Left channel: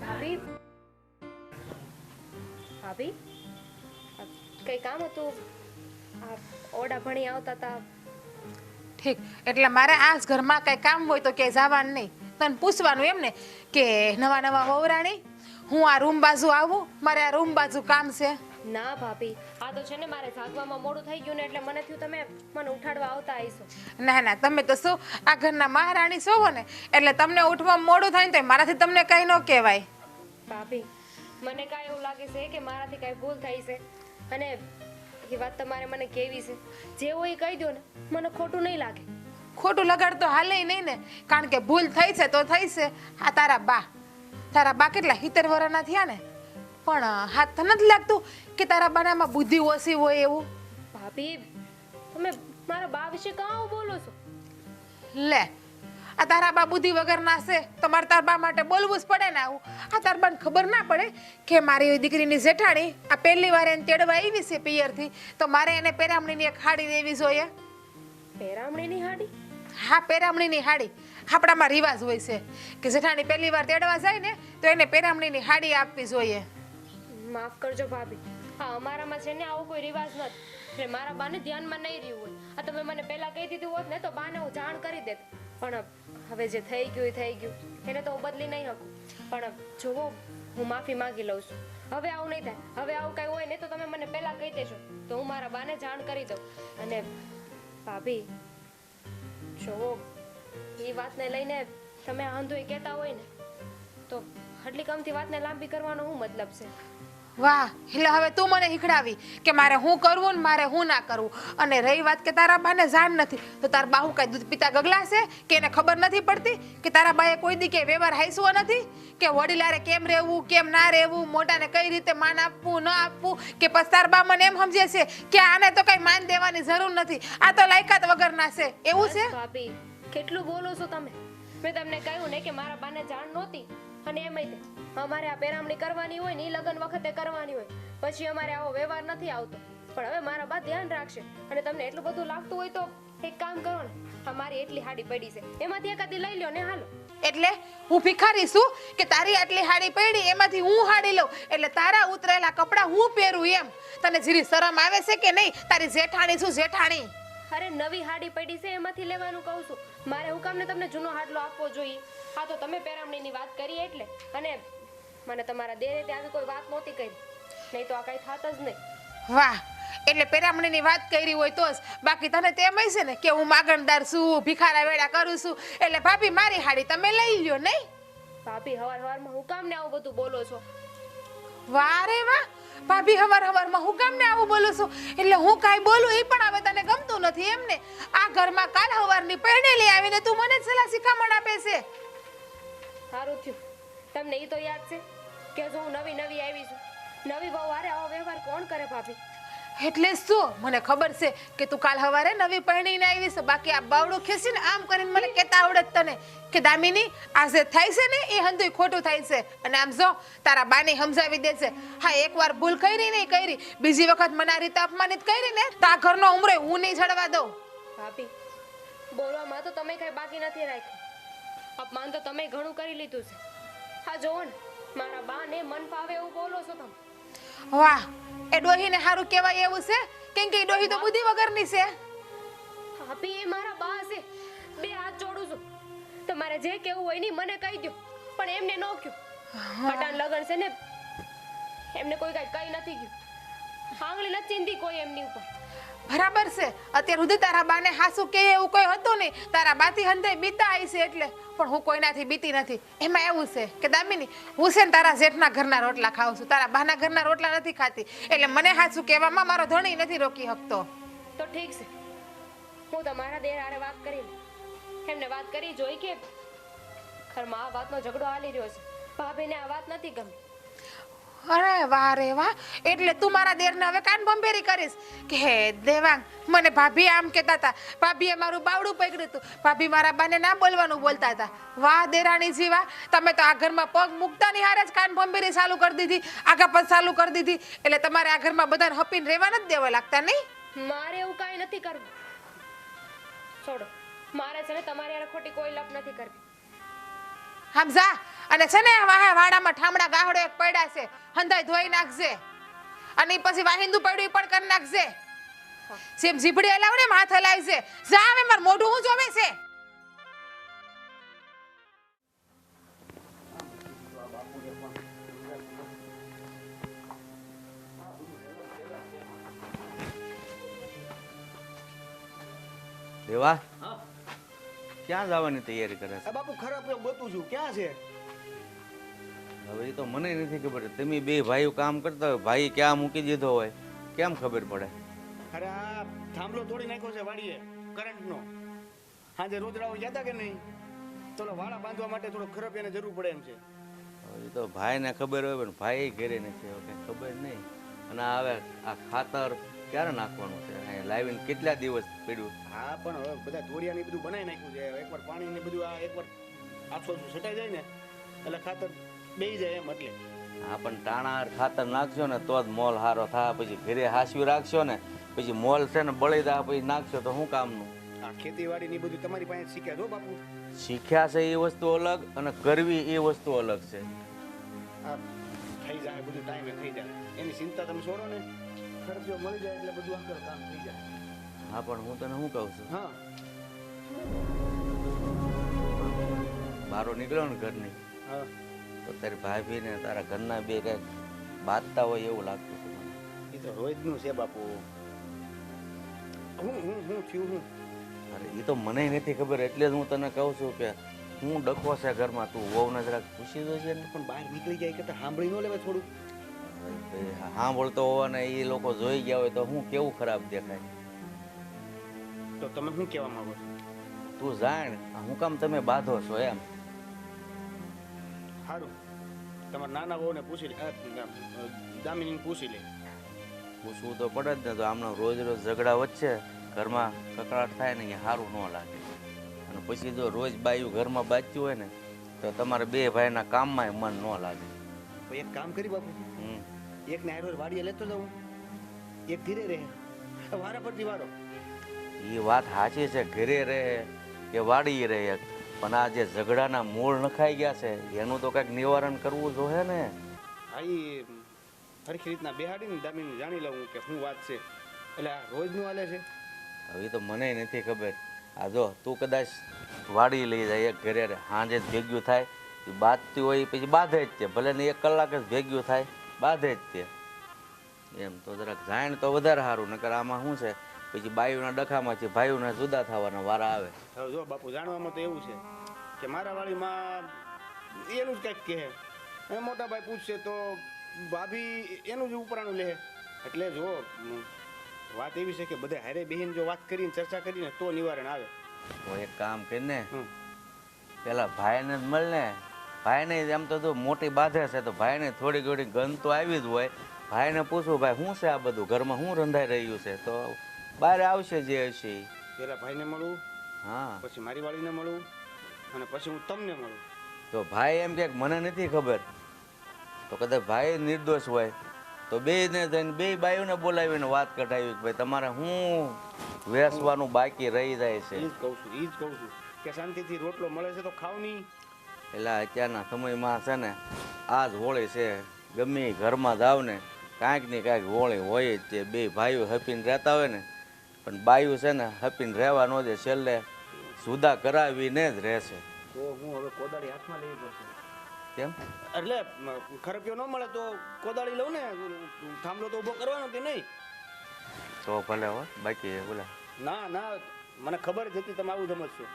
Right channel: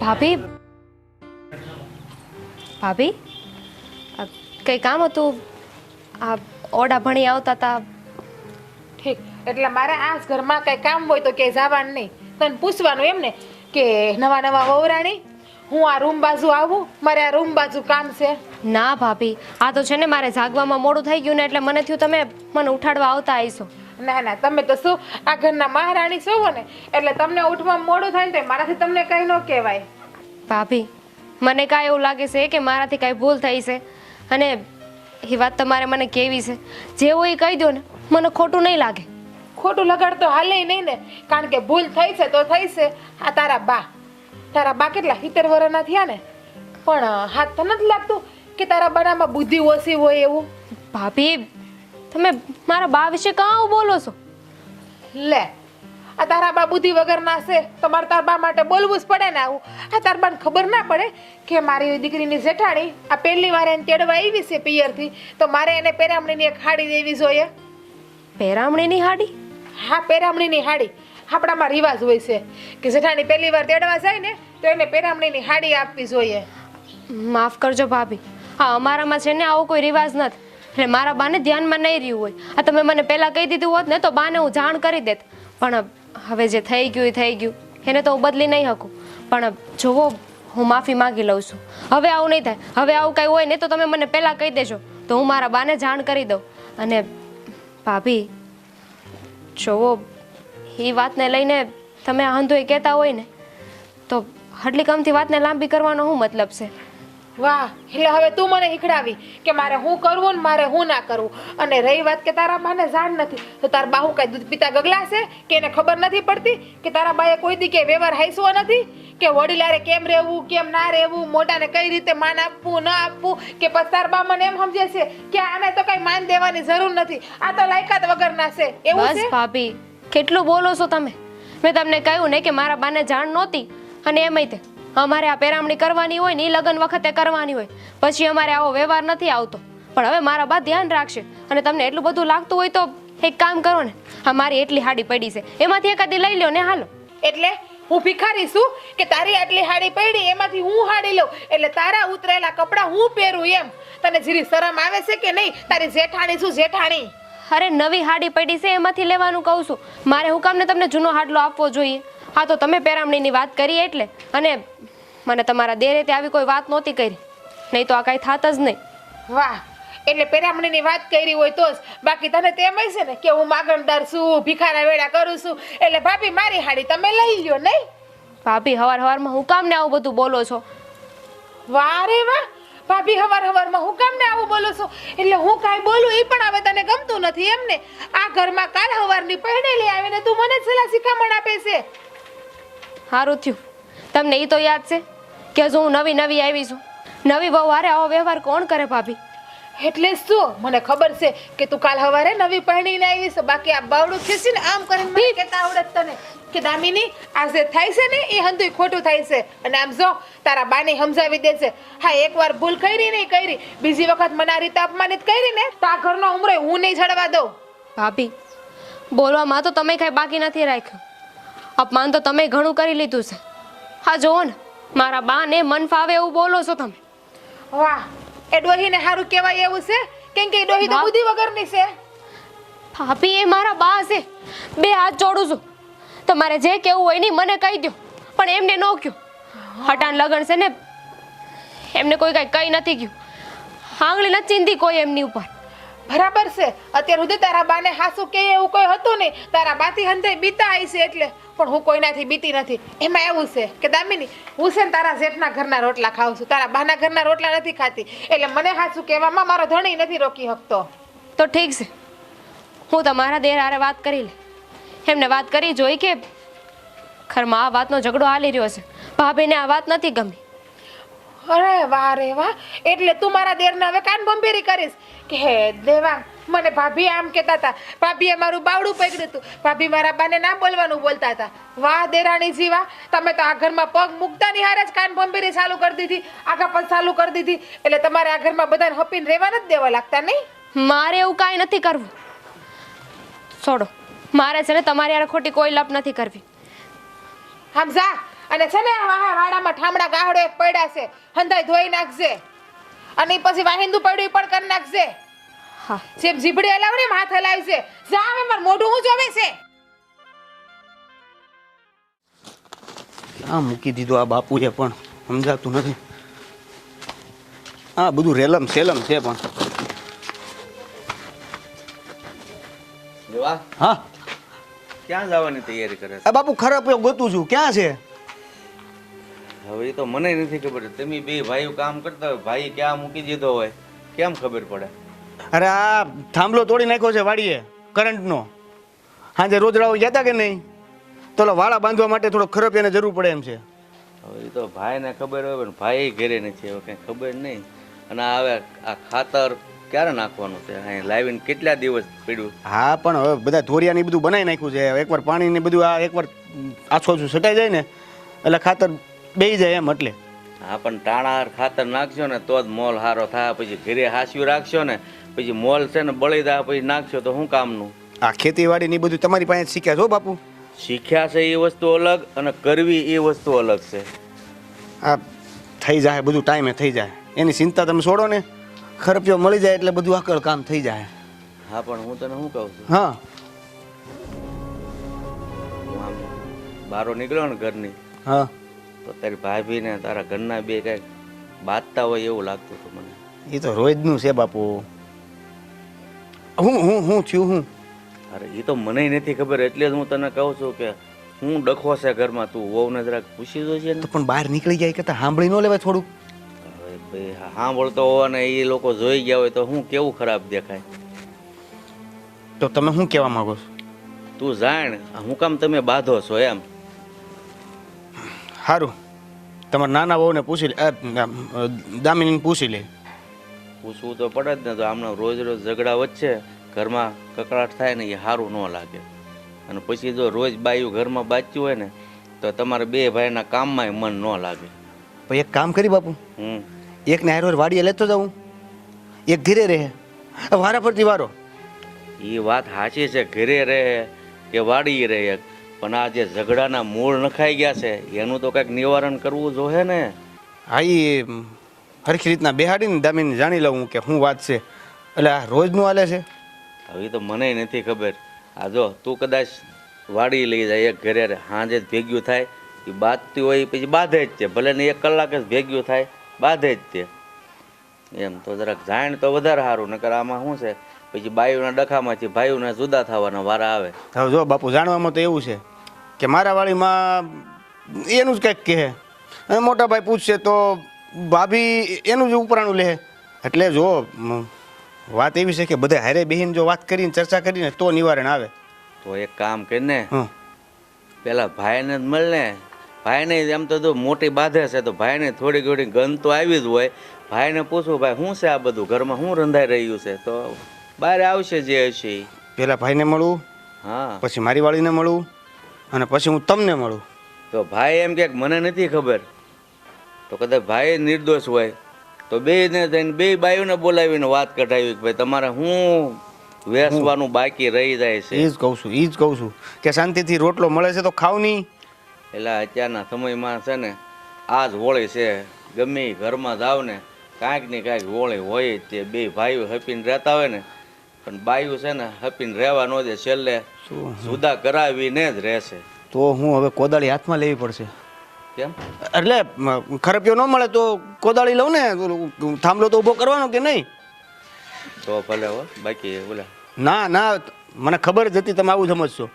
ભાભી ભાભી કંઈ કામ હતું? આ ઓડા ભણી આવતા હતા. ઠીક, એટલે મારે આ જ ઘરમાં કઈ કામ હોય તો કે જવાનું નહીં, તને પૂછવાનું એમ ને કે નવા નવા વહુરાણી હું આ રૂમ બાજુ આવું, મારે આ રૂમ બાજુ કામ છે. ના ભાભી, આ તો છે ને મારે જાગવામાં મોડું થઈ ગયું ને એટલે મને થયું તમે મને ઉઠાડવા આવતા આવીશો. ના ના, તમે તો શું આ ઘરના મહારાણી છો ને, એટલે તમને ઉઠવામાં મોડું થાય ને તો મારાથી તમને કઈ ન કહેવાય. ભાભી મને કાંઈ એવું લાગે છે કે મારાથી કાંઈ ભૂલ થઈ છે, અને એ વાત તમારે મને કહેવી છે. જેવું એ કહી દો ને, મને ખોટું નહીં લાગે. ખોટું લગાડ તો હાલે નહીં ને, કારણ કે ભૂલ થઈ છે તો થઈ છે. આ તારા બા કેટલા 70 વર્ષના થયા ને, પણ હાથ તો નથી લાગતું કે તારા બાનામાં બુદ્ધિ ઓછી હોય એવું. ભાભી તમે મારા બા વિશે કાં આવું બોલો છો? લે, આ તારા બા બુદ્ધિ વગરના છે તો મારે તારા બા માટે બોલવું જ પડે ને આવું. આ તારા બાને ખબર ના પડે કે મારી દીકરીની જેઠાણી આ પહેલી વાર એને તેડવા આવી છે પિયરથી, તો મારે એને પેરામણીની એક હાડી દેવી જોઈએ. પેરામણીની હાડી? હા, પેરામણીની હાડી. આપણામાં રિવાજ હોય છે કે જેઠાણી પહેલી વાર તેડવા જાય ને તો એને પેરામણીની હાડી આપવી જોઈએ. માફ કરજો ભાભી, હા અમારામાં છે ને આવો કોઈ રિવાજ નથી, એટલે મારા બાને ધ્યાનમાં નહીં રહ્યું હોય. આ તમે મને પહેલાં કહી દીધું હોત ને તો બાને હું જાણ કરી દેત, પણ હવે જે થઈ ગયું એ થઈ ગયું, એને તો હું બદલી નહીં શકું. પણ જુઓ, હું માફી માંગી લઉં છું. હવે આવું નહીં થાય. હવે આવું કંઈ હોય ને તો તમે મને પહેલાં કહી દેજો તો હું મારા બાને જાણ કરી દઉં. અને ભાભી જુઓ, એ વાતને લઈને તમે આ હંધુએ કહેતા હોય ને તો હટલી કમથી વાતને લાંબી કરવાનો શું મતલબ છે? વાહ, એટલે હવે તું મને હીખડાવી કે મારે હું કરવું ને મારે હું ના કરવું. અને રહી વાત કે તારા બાને જાણ નથી, તો તારા બા હું કઈ દૂધ પીતા ગગલા છે કે એને ખબર નથી પડતી કે તારા બાએ કોઈ દી કે વ્યવહાર હાઈસવો નથી કે વડીલારે કેમ રહેવું કેમ ના રહેવું, મોટાને કઈ રીતે માન આપવું ન આપવું, કે પછી તારા બા મને એમ સમજે છે કે આને તો કઈ માન દેવાની જરૂર નથી, આ તો લાયકાત વગરના છે એવું છે? બસ ભાભી, કેટલું બોલો છો તમે? મેં તમને કહ્યું ને કે મારા બાને જાણ નહોતી, અને એમાંય તે અમારે આ પેરામણી કરવાની હોય ને એ લગ્ન વખતે કરવાની હોય, પછી અમારે આવો વ્યવહાર નથી આવતો. પણ હવે મારા બા ધ્યાન રાખશે, અને તમને એટલું બધું લાગતું હોય તો એક કામ કરો ને, અમારી એટલી હાડી પડી છે એમાંથી એકાદી લઈ લો ને હાલો. એટલે હું ભિખારી છું કે તારી આટલી હાડી પડી એમાંથી હું હાડી લઉં એટલે તારા ઉતરેલા કપડાં હું પહેરું એમ? તને જીરી શરમ આવે છે કે નહીં? તારી જેઠાણી છું જેઠાણી. અરે નવી હાડી પડી છે એમાંથી લેવાનું કહું છું. મારે હું કામ ને તમને જૂનો હાડલો આપવો જોઈએ? હા તો તમે પેરામણીની વાત કરી એટલે, અને મને તમારા દેરે તે આવી કોઈ વાત નહોતી કરી, નહીં તો આ કાંઈ થાત જ નહીં. વાહ, એટલે પેરામણીની વાત કરી હોય તો જ, બાકી તને તેમ હોય છે ને કે હું માગણદાર છું, ભિખારા વેડા કરું છું, એટલે ભાભી મારી હાડી તમે લઈ લ્યો નહીં? ભાભી હવારમાં હું કામ ને આવું બધું બોલો છો? વાહ રે વાહ, ભાભી હવારમાં હું કામ ને આવું બોલું છું? એટલે હું કાંઈ બોલું એ પણ હવે તને ગમતું નથી એમ ને? આ ઘરમાં કાલ હવારની પહેણેલી આવીને તું મને છેલ્લા શિખામણ આપે છે. સારું થયું, તમને એ તો યાદ છે કે હજુ હું નવી આવી છું. નવી વહુ હારે આવો વ્યવહાર કોણ કરે ભાભી? એટલે શું? મને ખબર છે કે તું કાલ હવારે નવી પહેણીને આવી છે, બાકી આ બાવડું ખીસીને આમ કરીને મને કહેતા આવડે તને કે દામિની આ જે થાય છે ને એ હંધુય ખોટું થાય છે, અને આમ જો તારા બાને સમજાવી દેશે. હા, એકવાર ભૂલ કરી નહીં કરી, બીજી વખત મને આ રીતે અપમાનિત કરી ને તો આ ઘરનો ઉમરો હું નહીં જડવા દઉં. ભાભી બોલવામાં તો તમે કાંઈ બાકી નથી રાખ્યું, અપમાન તો તમે ઘણું કરી લીધું છે. હા જુઓ ને, મારા બાને મન ફાવે એવું બોલો છો તમે. વાહ, એ ડોહીને સારું કહેવાય એવું છે? કેમ કે એ ડોહી તો બુદ્ધિ વગરની છે. ભાભી એ મારા બા છે, બે હાથ જોડું છું. તમારે જે કેવું હોય ને મને કહી દો, પણ એમને ન કહ્યું. હટાણ લગન છે ને, એમને કોઈ કાંઈ કહી નથી ગયું, આંગળી નથી ચીંધી કોઈ એમની ઉપર. બરાબર છે, અત્યાર સુધી તારા બાને હાસુ કે એવું કોઈ હતું નહીં, તારા બાથી હંધાઈ બીતા આવી છે એટલે, પણ હું કોઈનાથી બીતી નથી. એમાં એવું છે કે દામિની, હું છે ને તારા જેઠના ઘરના રોટલા ખાઉં છું, તારા બાના ઘરના રોટલા નથી ખાતી, એટલે મને હાસુ કહેવામાં મારો ધણી નથી રોકી શકતો. તો ઠીક છે, હું તમારા દેર હારે વાત કરી લે. એમને વાત કરી જોઈ કે ઘરમાં આ વાતનો ઝઘડો હાલી રહ્યો છે, ભાભીને આ વાત નથી ગમી. અરે વાહ રે વાહ, એટલે તું મારા દેરને હવે કાન ભંભેરી કરીશ કે હે દેવાંગ મને ભાભી આમ કહેતા હતા, ભાભીએ મારું બાવડું પકડ્યું હતું, ભાભી મારા બાને ના બોલવાનું બોલતા હતા. વાહ દેરાણીજી વાહ, તમે તો આ ઘરમાં પગ મૂકતા ની હારે જ કાન ભંભેરી ચાલુ કરી દીધી, આગા પગ ચાલુ કરી દીધી, એટલે તમારે આ ઘરમાં બધાને હપીને રહેવા નથી દેવા લાગતા નહીં? મારે એવું કાંઈ નથી કરવું, છોડો. મારે છે ને તમારી યાર ખોટી કોઈ લપ નથી કરવી. સમજા, અને છે ને વાડામાં ઠામડા ગાહડો એક પડ્યા છે હંધાઈ ધોઈ નાખજે અને ઈ પછી વાહિંદુ પડ્યું ઈ પણ કરી નાખજે હા સેમ જીબડી હલાવ ને માથે લાવી છે જા હવે માર મોઢું હું જોવે છે આ મૂકી દીધું આ બાપુએ પણ સમજાતું નથી. આ બધું રેલમ સેલમ છે પણ. દેવા હા ક્યાં જવાની તૈયારી કરે છે? આ બાપુ ખરાબ ગોતું છું. ક્યાં છે? હવે એ તો મને નથી ખબર. તમે બે ભાઈઓ કામ કરતા હોય, ભાઈ ક્યાં મૂકી દીધો હોય કેમ ખબર પડે? અરે આ થાંભલો તોડી નાખ્યો છે વાડીએ કરંટનો. હાજે રોજડાઓ ગયા હતા કે નહીં? તો ઓલા વાળા બાંધવા માટે થોડો ખરપિયાને જરૂર પડે એમ છે. હવે એ તો ભાઈને ખબર હોય પણ ભાઈ ઘરે નથી, હવે કઈ ખબર નહીં. અને હવે આ ખાતર ક્યારે નાખવાનું છે? અહીં લાવીને કેટલા દિવસ પડ્યું? હા પણ હવે બધા ધોરિયાને બધું બનાવી નાખ્યું છે. એકવાર પાણી ને બધું આ એકવાર આછો આછું સટાઈ જાય ને એટલે ખાતર બેસી જાય એમ. એટલે હા પણ ટાણા ખાતર નાખશો ને તો જ મોલ સારો થાય. પછી ઘરે હાસ્યું રાખશો ને પછી મોલ છે ને બળી જાય પછી નાખશો તો શું કામનું? આ ખેતીવાડી ની બધું તમારી પાસે શીખ્યા છો બાપુ? શીખ્યા છે એ વસ્તુ અલગ અને કરવી એ વસ્તુ અલગ છે. આ થઈ જાય બધું ટાઈમે થઈ જાય એની ચિંતા તમે છોડો ને. ખરપિયો મળી જાય એટલે બધું આકળ કામ થઈ જાય. હા પણ હું તને શું કહું છું, હા બારો નીકળ્યો ને ઘરની હા તો તારી ભાભી ને તારા ઘરના બે કઈક બાંધતા હોય એવું લાગતું હતું મને. એ તો રોજનું છે બાપુ. હું થયું હું? અરે એ તો મને નથી ખબર એટલે જ હું તને કહું છું કે હું ડખો છે ઘરમાં. તું વહુને જરાક પૂછી જોજે ને. તો પણ બહાર નીકળી જાય કરતા સાંભળી ન લેવાય થોડું? હવે ભાઈ સાંભળતો હોવા ને એ લોકો જોઈ ગયા હોય તો હું કેવું ખરાબ દેખાય. તો તમે શું કહેવા માંગો છો? તું જાણ હું કામ તમે બાંધો છો એમ. સારું તમારા નાના વહુને પૂછી લે, દામિનીને પૂછી લે. પૂછવું તો પડે જ ને. તો આમના રોજ રોજ ઝઘડા વચ્ચે ઘરમાં કકડાટ થાય ને એ સારું ન લાગે. અને પછી જો રોજ બાયું ઘરમાં બાચ્યું હોય ને તો તમારે બે ભાઈના કામમાં મન ન લાગે. પછી એક કામ કરી બાપુ, એકને હારો વાડીએ લેતો જાઉં, એક ઘરે રહે, વારા ફરતી વારો. એ વાત સાચી છે, ઘરે રહે કે વાડી રહે, પણ આ જે ઝઘડાના મૂળ નખાઈ ગયા છે એનું તો કંઈક નિવારણ કરવું જોઈએ ને. હા એ હરખી રીતના બેહાડીને દામિની જાણી લઉં કે શું વાત છે. એટલે આ રોજનું હાલે છે. હવે તો મને નથી ખબર. આ જો તું કદાચ વાડી લઈ જાય એક ઘરે સાંજે જ ભેગ્યું થાય એ બાંધતી હોય પછી બાંધે જ છે. ભલે ને 1 કલાક જ ભેગ્યું થાય બાંધે જ તે. એમ તો જરાક જાણ તો વધારે સારું. નકર આમાં શું છે પછી બાયુના ડખામાંથી ભાઈઓના જુદા થવાના વારા આવે. હવે જો બાપુ જાણવામાં તો એવું છે કે મારા વાડીમાં એનું જ કંઈક કહે અને મોટા ભાઈ પૂછશે તો ભાભી એનું જ ઉપરાણું લે. એટલે જો વાત એવી છે કે બધા હારે બેહીને જો વાત કરીને ચર્ચા કરીને તો નિવારણ આવે. તો એક કામ કરીને હં પેલા ભાઈને જ મળને. ભાઈને એમ તો જો મોટી બાધે છે તો ભાઈને થોડી ઘણી ગંધ તો આવી જ હોય. ભાઈને પૂછવું ભાઈ શું છે આ બધું ઘરમાં શું રંધાઈ રહ્યું છે તો બહાર આવશે જે હશે. પેલા ભાઈને મળું, હા પછી મારી વાળીને મળું અને પછી હું તમને મળું. તો ભાઈ એમ કે મને નથી ખબર તો કદાચ ભાઈ નિર્દોષ હોય તો બેને થઈને બે બાયુને બોલાવીને વાત કઢાવી કે ભાઈ તમારે શું વેસવાનું બાકી રહી જાય છે. એ જ કહું છું કે શાંતિથી રોટલો મળે છે તો ખાવ નહીં. એટલે અત્યારના સમયમાં છે ને આ જ હોળી છે. ગમે ઈ ઘરમાં જાવ ને કાંઈક ને કાંઈક હોળી હોય જ. તે બે ભાઈઓ હપીને રહેતા હોય ને પણ બાયું છે ને હપીને રહેવા ન દે. છેલ્લે જુદા કરાવીને જ રહેશે. તો હું હવે કોદાળી હાથમાં લેવી પડશે. કેમ? એટલે ખરપિયો ન મળે તો કોદાળી લઉં ને. થાંભલો તો ઊભો કરવાનો કે નહીં? તો ભલે હો. બાકી બોલે ના મને ખબર જ હતી તમે આવું સમજશો.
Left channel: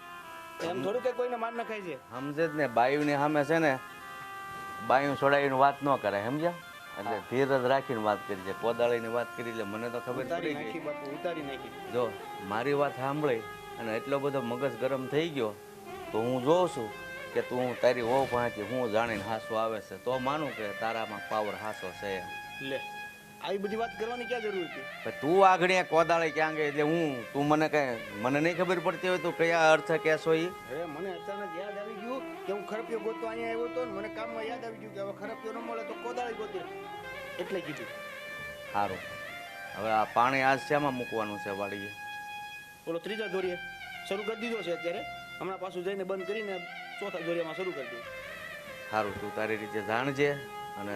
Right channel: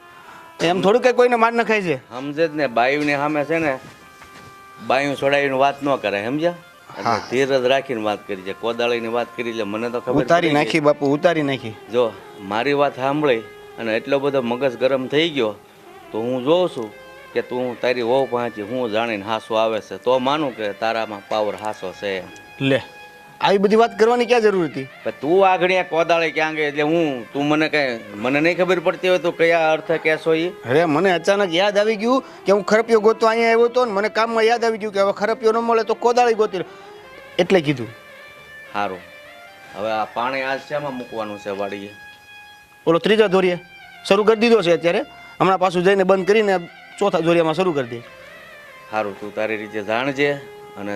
એમ થોડું કઈ કોઈને માર નખાય છે. સમજે જ ને. બાયુની સામે છે ને બાયું છોડાવીને વાત ન કરાય સમજ્યા. એટલે ધીરજ રાખીને વાત કરી છે. કોદાળીની વાત કરી એટલે મને તો ખબર ઉતારી પડી નાખી બાપુ, ઉતારી નાખી. જો મારી વાત સાંભળી અને એટલો બધો મગજ ગરમ થઈ ગયો તો હું જોઉં છું કે તું તારી વહુ પહોંચી હું જાણીને હાસો આવે છે તો માનું કે તારામાં પાવર હાસો છે. લે આવી બધી વાત કરવાની ક્યાં જરૂર હતી? પણ તું આગળ કોદાળી ક્યાં ગઈ એટલે તું મને નહીં ખબર પડતી હોય તો કયા અર્થ કહેશો એ? અરે મને અચાનક યાદ આવી ગયું કે હું ખરપિયો ગોતો અહીંયા આવ્યો હતો ને મને કામમાં યાદ આવી ગયું કે હવે ખરપિયો ન મળે તો કોદાળી ગોતી લો. એટલે કીધું. સારું હવે આ પાણી આજ શેમાં મૂકવાનું છે વાડીએ? ઓલો ત્રીજા ધોરીએ શરૂ કરી દીધો છે અત્યારે. હમણાં પાછું જઈને બંધ કરીને ચોથા ધોરિયામાં શરૂ કરી દે. સારું તું તારી રીતે જાણજે અને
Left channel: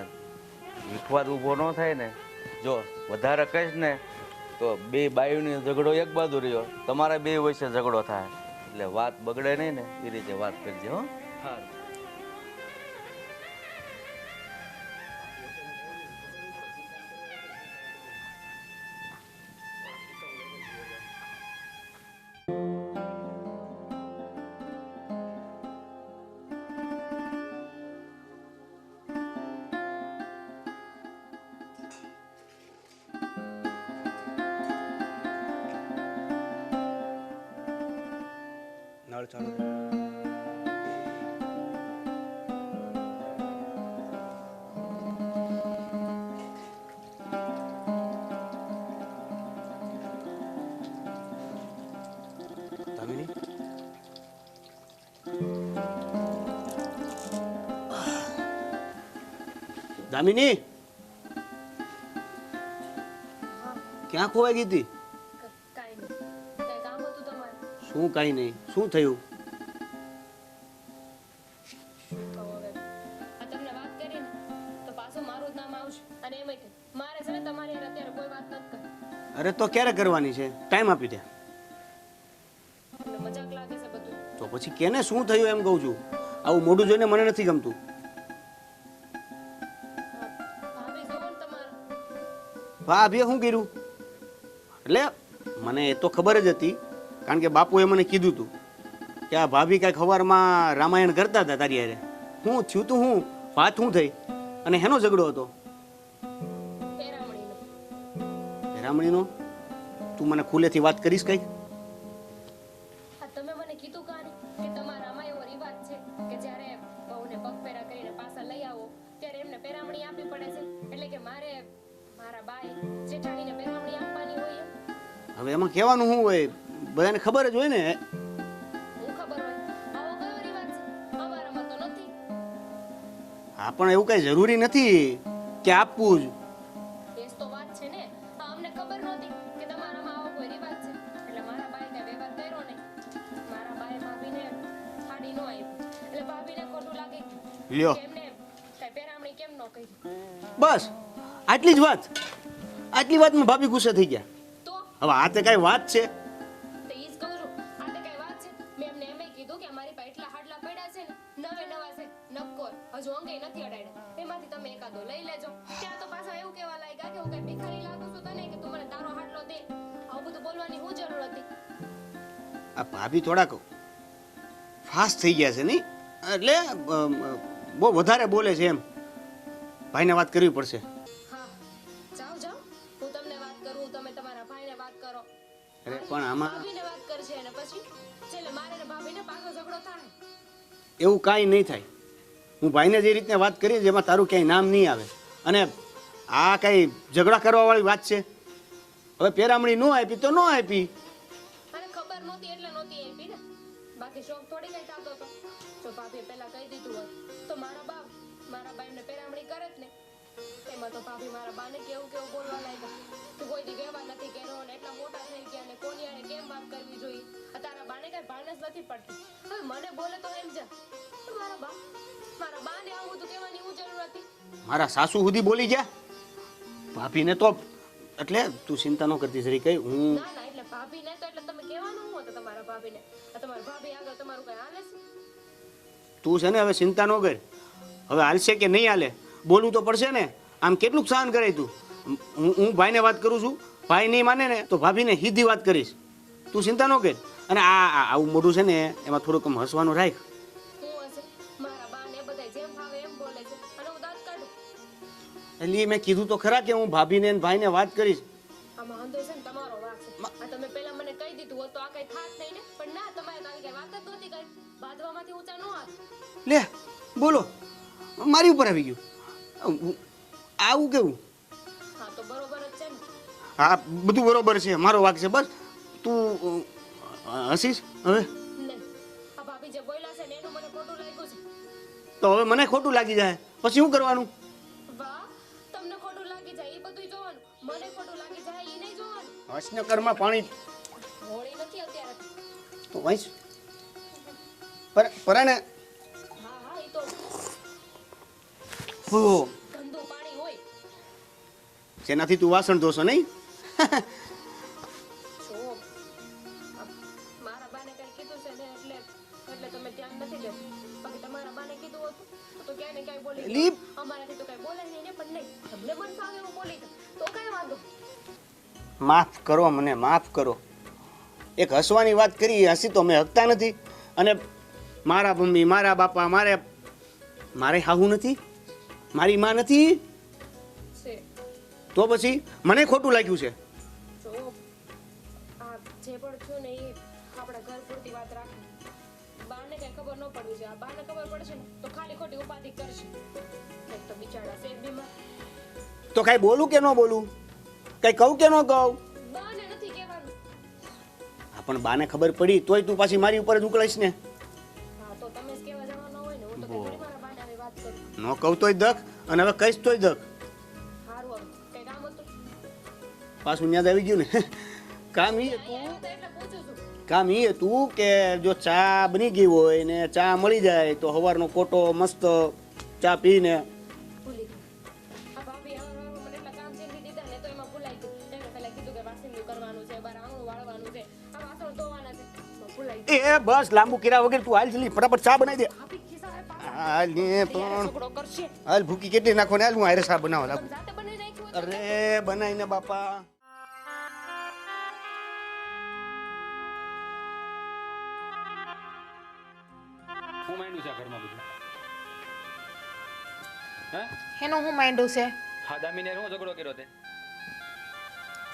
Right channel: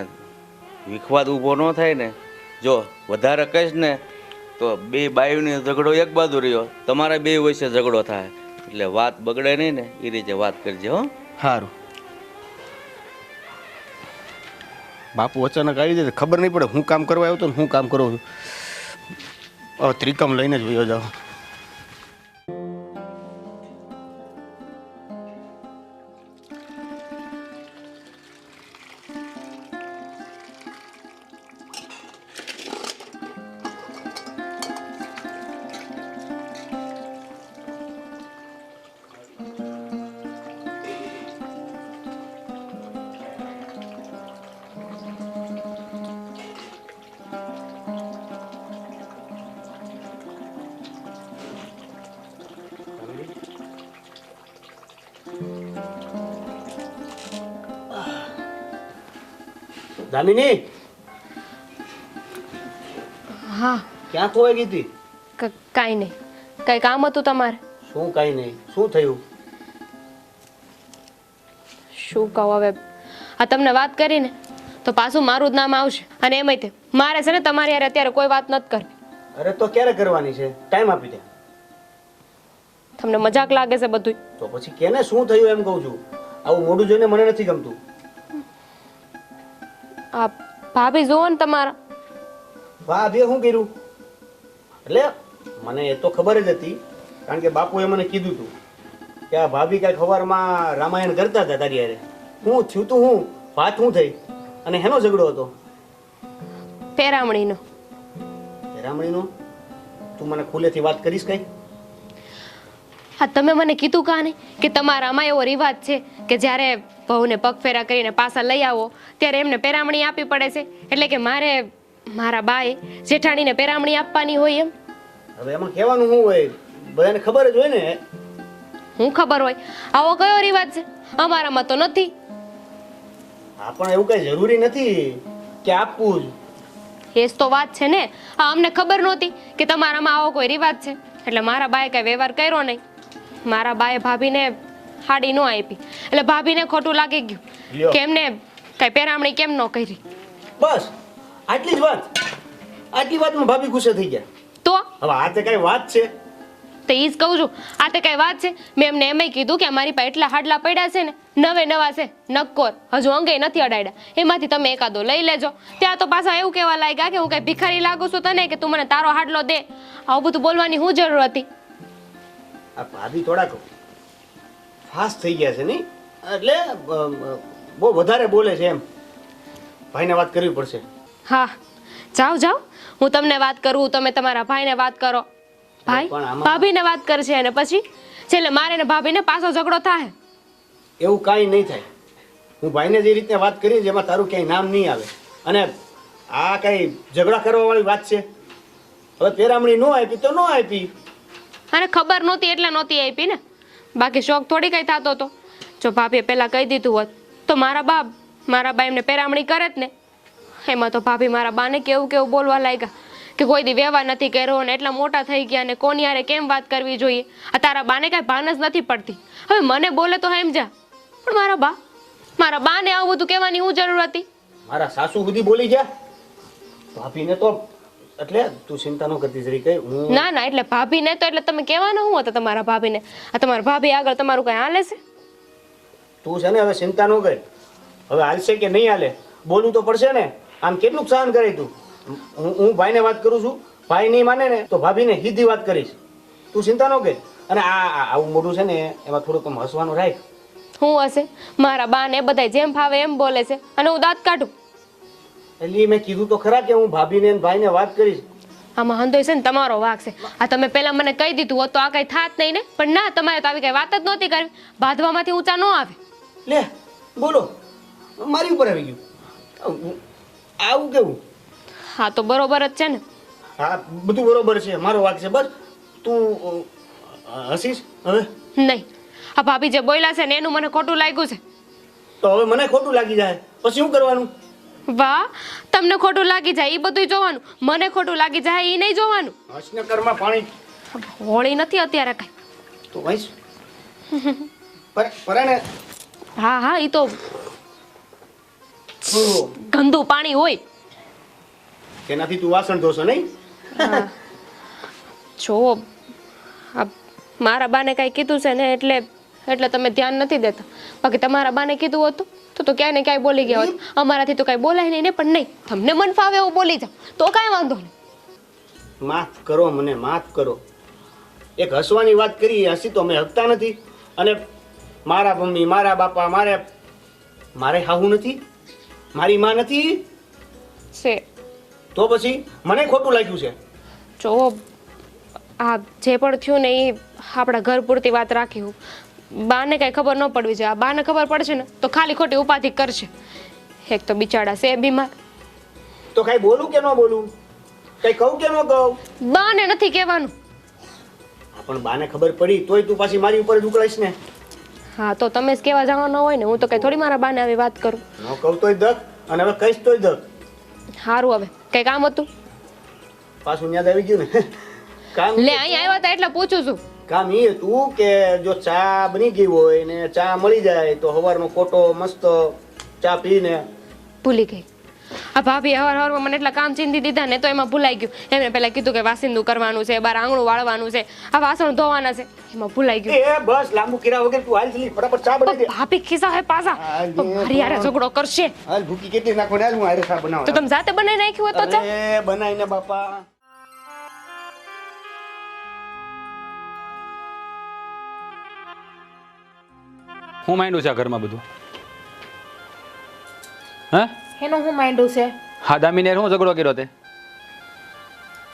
વિખવાદ ઊભો ન થાય ને. જો વધારે કહીશ ને તો બે બાયુને ઝઘડો એક બાજુ રહ્યો, તમારા બે વચ્ચે ઝઘડો થાય, એટલે વાત બગડે નહીં ને એ રીતે વાત કરજે હો. સારું. બાપુ અચાનક આવી જાય ખબર નહીં પડે હું કામ કરવા આવ્યો તો હું કામ કરું છું. હવે ત્રિકમ લઈને જ વયો જાઉં. દામિની હા ક્યાં ખોવાઈ ગઈ હતી? કાંઈ નહીં. કાંઈ કામ હતું તમારે? શું કાંઈ નહીં. શું થયું? શું કહું હવે, આ તમને વાત કરીને તો પાછું મારું જ નામ આવશે. અને એમાંય તે મારે છે ને તમારી યાર અત્યારે કોઈ વાત નથી કરવી. અરે તો ક્યારે કરવાની છે? ટાઈમ આપી દે. તમને મજાક લાગે છે બધું? તો પછી કેને શું થયું એમ કહું છું. આવું મોઢું જોઈને મને નથી ગમતું. આ ભાભી જોવો ને તમારા. ભાભીએ શું કર્યું? એટલે મને એ તો ખબર જ હતી, કારણ કે બાપુએ મને કીધું હતું કે આ ભાભી કાંઈક સવારમાં રામાયણ કરતા હતા તારી હારે. હું થયું તું હું વાત શું થઈ અને હેનો ઝઘડો હતો? પેરામણીનો. રામણીનો? તું મને ખુલ્લેથી વાત કરીશ કઈ? હા તમે મને કીધું કાં નહીં કે તમારામાં એવો રિવાજ છે કે જ્યારે વહુને પગફેરા કરીને પાછા લઈ આવો ત્યારે એમને પેરામણી આપવી પડે છે, એટલે કે મારે મારા બાએ જેઠાણીને પેરામણી આપવાની હોય એમ. હવે એમાં કહેવાનું શું હોય? બધાને ખબર જ હોય ને. હું ખબર હોય? આવો કયો રિવાજ છે? અમારામાં તો નથી. હા પણ એવું કઈ જરૂરી નથી કે આપવું જ. એ જ તો વાત છે ને. આ અમને ખબર નહોતી કે તમારામાં આવો કોઈ રિવાજ છે, એટલે મારા બાએ કઈ વ્યવહાર કર્યો નહીં. મારા બાએ ભાભીને હાડી ન આપી એટલે ભાભીને ખોટું લાગી ગયું લ્યો. કે એમને કઈ પેરામણી કેમ ન કરી. બસ આટલી જ વાત. આટલી વાતમાં ભાભી ગુસ્સે થઈ ગયા. તો હવે આ તે કઈ વાત છે? તો ઈ જ કહું છું, આ તે કઈ વાત છે? મેં એમને એમય કીધું કે મારી પાસે એટલા હાડલા પડ્યા છે ને, નવે નવા છે, નક્કોર, હજુ અંગે નથી અડાડ્યા, એમાંથી તમે એકાદો લઈ લેજો. ત્યાં તો પાછા એવું કહેવા લાગ્યા કે હું કઈ ભિખારી લાગુ છું તને કે તું મને તારો હાડલો દે. આવું બધું બોલવાની શું જરૂર હતી? આ ભાભી થોડાક ફાસ્ટ થઈ ગયા છે નહીં, એટલે બહુ વધારે બોલે છે એમ. ભાઈને વાત કરવી પડશે. હા જાઓ જાઓ, હું તમને વાત કરું, તમે તમારા ભાઈને વાત કરો. ભાઈ પણ આમાં- ભાભીને વાત કરશે અને પછી છેલ્લે મારે ને ભાભીને પાછો ઝઘડો થાય. એવું કાંઈ નહીં થાય. હું ભાઈને જે રીતે વાત કરી છે એમાં તારું ક્યાંય નામ નહીં આવે. અને આ કઈ ઝઘડા કરવા વાળી વાત છે? હવે પેરામણી ન આપી તો ન આપી. અને ખબર નહોતી એટલે નહોતી આપી ને, બાકી શોખ થોડી કઈ થતો હતો. જો ભાભીએ પહેલા કહી દીધું હોત તો મારા બા એમને પેરામણી કરે જ ને. એમાં તો ભાભી મારા બાને કેવું કેવું બોલવા લાગ્યા કે કોઈ દી વ્યવહાર નથી કર્યો ને એટલા મોટા થઈ ગયા ને કોની હારે કેમ વાત કરવી જોઈએ. આ તારા બાને કઈ ભાન જ નથી પડતી. હવે મને બોલે તો સમજા, પણ મારા બાને આવું બધું કહેવાની શું જરૂર હતી? મારા સાસુ સુધી બોલી ગયા. ભાભીને તો એટલે તું ચિંતા ન કરતી જરી કઈ. હું ના ના, એટલે ભાભીને તો એટલે તમે કહેવાનું શું હતા તમારા ભાભીને? આ તમારા ભાભી આગળ તમારું કઈ હાલે છે? તું છે ને હવે ચિંતા ન કર. હવે હાલશે કે નહીં હાલે બોલવું તો પડશે ને. આમ કેટલું સહન કરે તું? હું ભાઈને વાત કરું છું, ભાઈ નહીં માને ને તો ભાભીને સીધી વાત કરીશ. તું ચિંતા ન કર. અને આવું મોઢું છે ને એમાં થોડુંક હસવાનું રાખ. શું હશે? મારા બા ને બધા જેમ ફાવે એમ બોલે છે અને હું દાંત કાઢું. એટલે મેં કીધું તો ખરા કે હું ભાભીને અને ભાઈને વાત કરીશ. આમાં હંધોય છે ને તમારો વાંક છે. આ તમે પહેલા મને કહી દીધું હોત તો આ કઈ થાત નહીં ને. પણ ના, તમારે તો આવી કઈ વાત જ નહોતી કરવી. બાંધવામાંથી ઊંચા ન આવે. લે બોલો, મારી ઉપર આવી ગયું. આવું કેવું? હા તો બરોબર જ છે ને. હા બધું બરોબર છે, મારો વાંક છે. બસ તું હસીશ હવે? નહીં, આ ભાભી જે બોલ્યા છે ને એનું મને ખોટું લાગ્યું છે. તો હવે મને ખોટું લાગી જાય પછી શું કરવાનું? વાહ, તમને ખોટું લાગી જાય એ બધું જોવાનું, મને ખોટું લાગી જાય એ નહીં જોવાનું. હસને ઘરમાં પાણી. હોળી નથી અત્યારે કઈ. તું હસ પરાણે. હા હા, એ તો ગંદુ પાણી હોય. જેનાથી તું વાસણ ધોશો નહીં? જો આ મારા બાને કાંઈ કીધું છે ને એટલે તમે ધ્યાન નથી દેતા. બાકી તમારા બાને કીધું હતું તો ક્યાંય ને ક્યાંય બોલી ગયા હોત. અમારાથી તો કાંઈ બોલાય નહીં ને, પણ નહીં, તમને મન ફાવે એવું બોલી જાવ તો કાંઈ વાંધો નહીં. માફ કરો મને, માફ કરો. એક હસવાની વાત કરી, હસી તો અમે હકતા નથી. અને મારા મમ્મી, મારા બાપા, મારે હાવું નથી, મારી માં નથી, છે તો પછી મને ખોટું લાગ્યું છે. જો આ જે પણ થયું ને એ આપણા ઘર પૂરતી વાત રાખી હું. બાને કાંઈ ખબર ન પડવી જોઈએ. આ બાને ખબર પડશે ને તો ખાલી ખોટી ઉપાધિ કરશે. એક તો બિચારા છે બીમાર. તો કઈ બોલું કે ન બોલું? કઈ કહું કે ન કહું? બાને નથી કહેવાનું. પણ બાને ખબર પડી તોય તું પાછી મારી ઉપર જ ઉકળાઈશ ને. હા તો તમે જ કહેવા જવાના હોય ને, હું તો કઈ થોડી મારા બાને આવી વાત કરું. ન કહું તોય દક, અને હવે કહીશ તોય દક. સારું, હવે કઈ કામ હતું? પાછું યાદ આવી ગયું ને. કામ લે અહીં આવ્યા હતા એટલે પૂછું છું. કામ એ હતું કે જો ચા બની ગઈ હોય ને ચા મળી જાય તો સવારનો કોટો મસ્ત ચા પીને. ભૂલી ગઈ. આ ભાભી હવારમાં મને એટલા કામ ચીંધી દીધા ને તો એમાં ભૂલાઈ ગયું. એમને પહેલા કીધું કે વાસિંદુ કરવાનું છે, બાર આંગણું વાળવાનું છે, આ વાસણ ધોવાના છે, એમાં ભૂલાઈ ગયું. એ બસ લાંબુ કર્યા વગર તું હાલ જલ્દી ફટાફટ ચા બનાવી દે. ભાભી ખિસ્સા હે પાછા તો મારી યારે ઝઘડો કરશે. હાલ ભૂકી કેટલી નાખો ને, હાલ હું હારે ચા તો બનાવું. તમે જાતે બનાવી નાખ્યું હોત તો ચા. અરે બનાવીને બાપા. હું માંડ્યું છે આ ઘરમાં બધું? હે? એનું હું માંડ્યું છે? હા દામીને હું ઝઘડો કર્યો તે?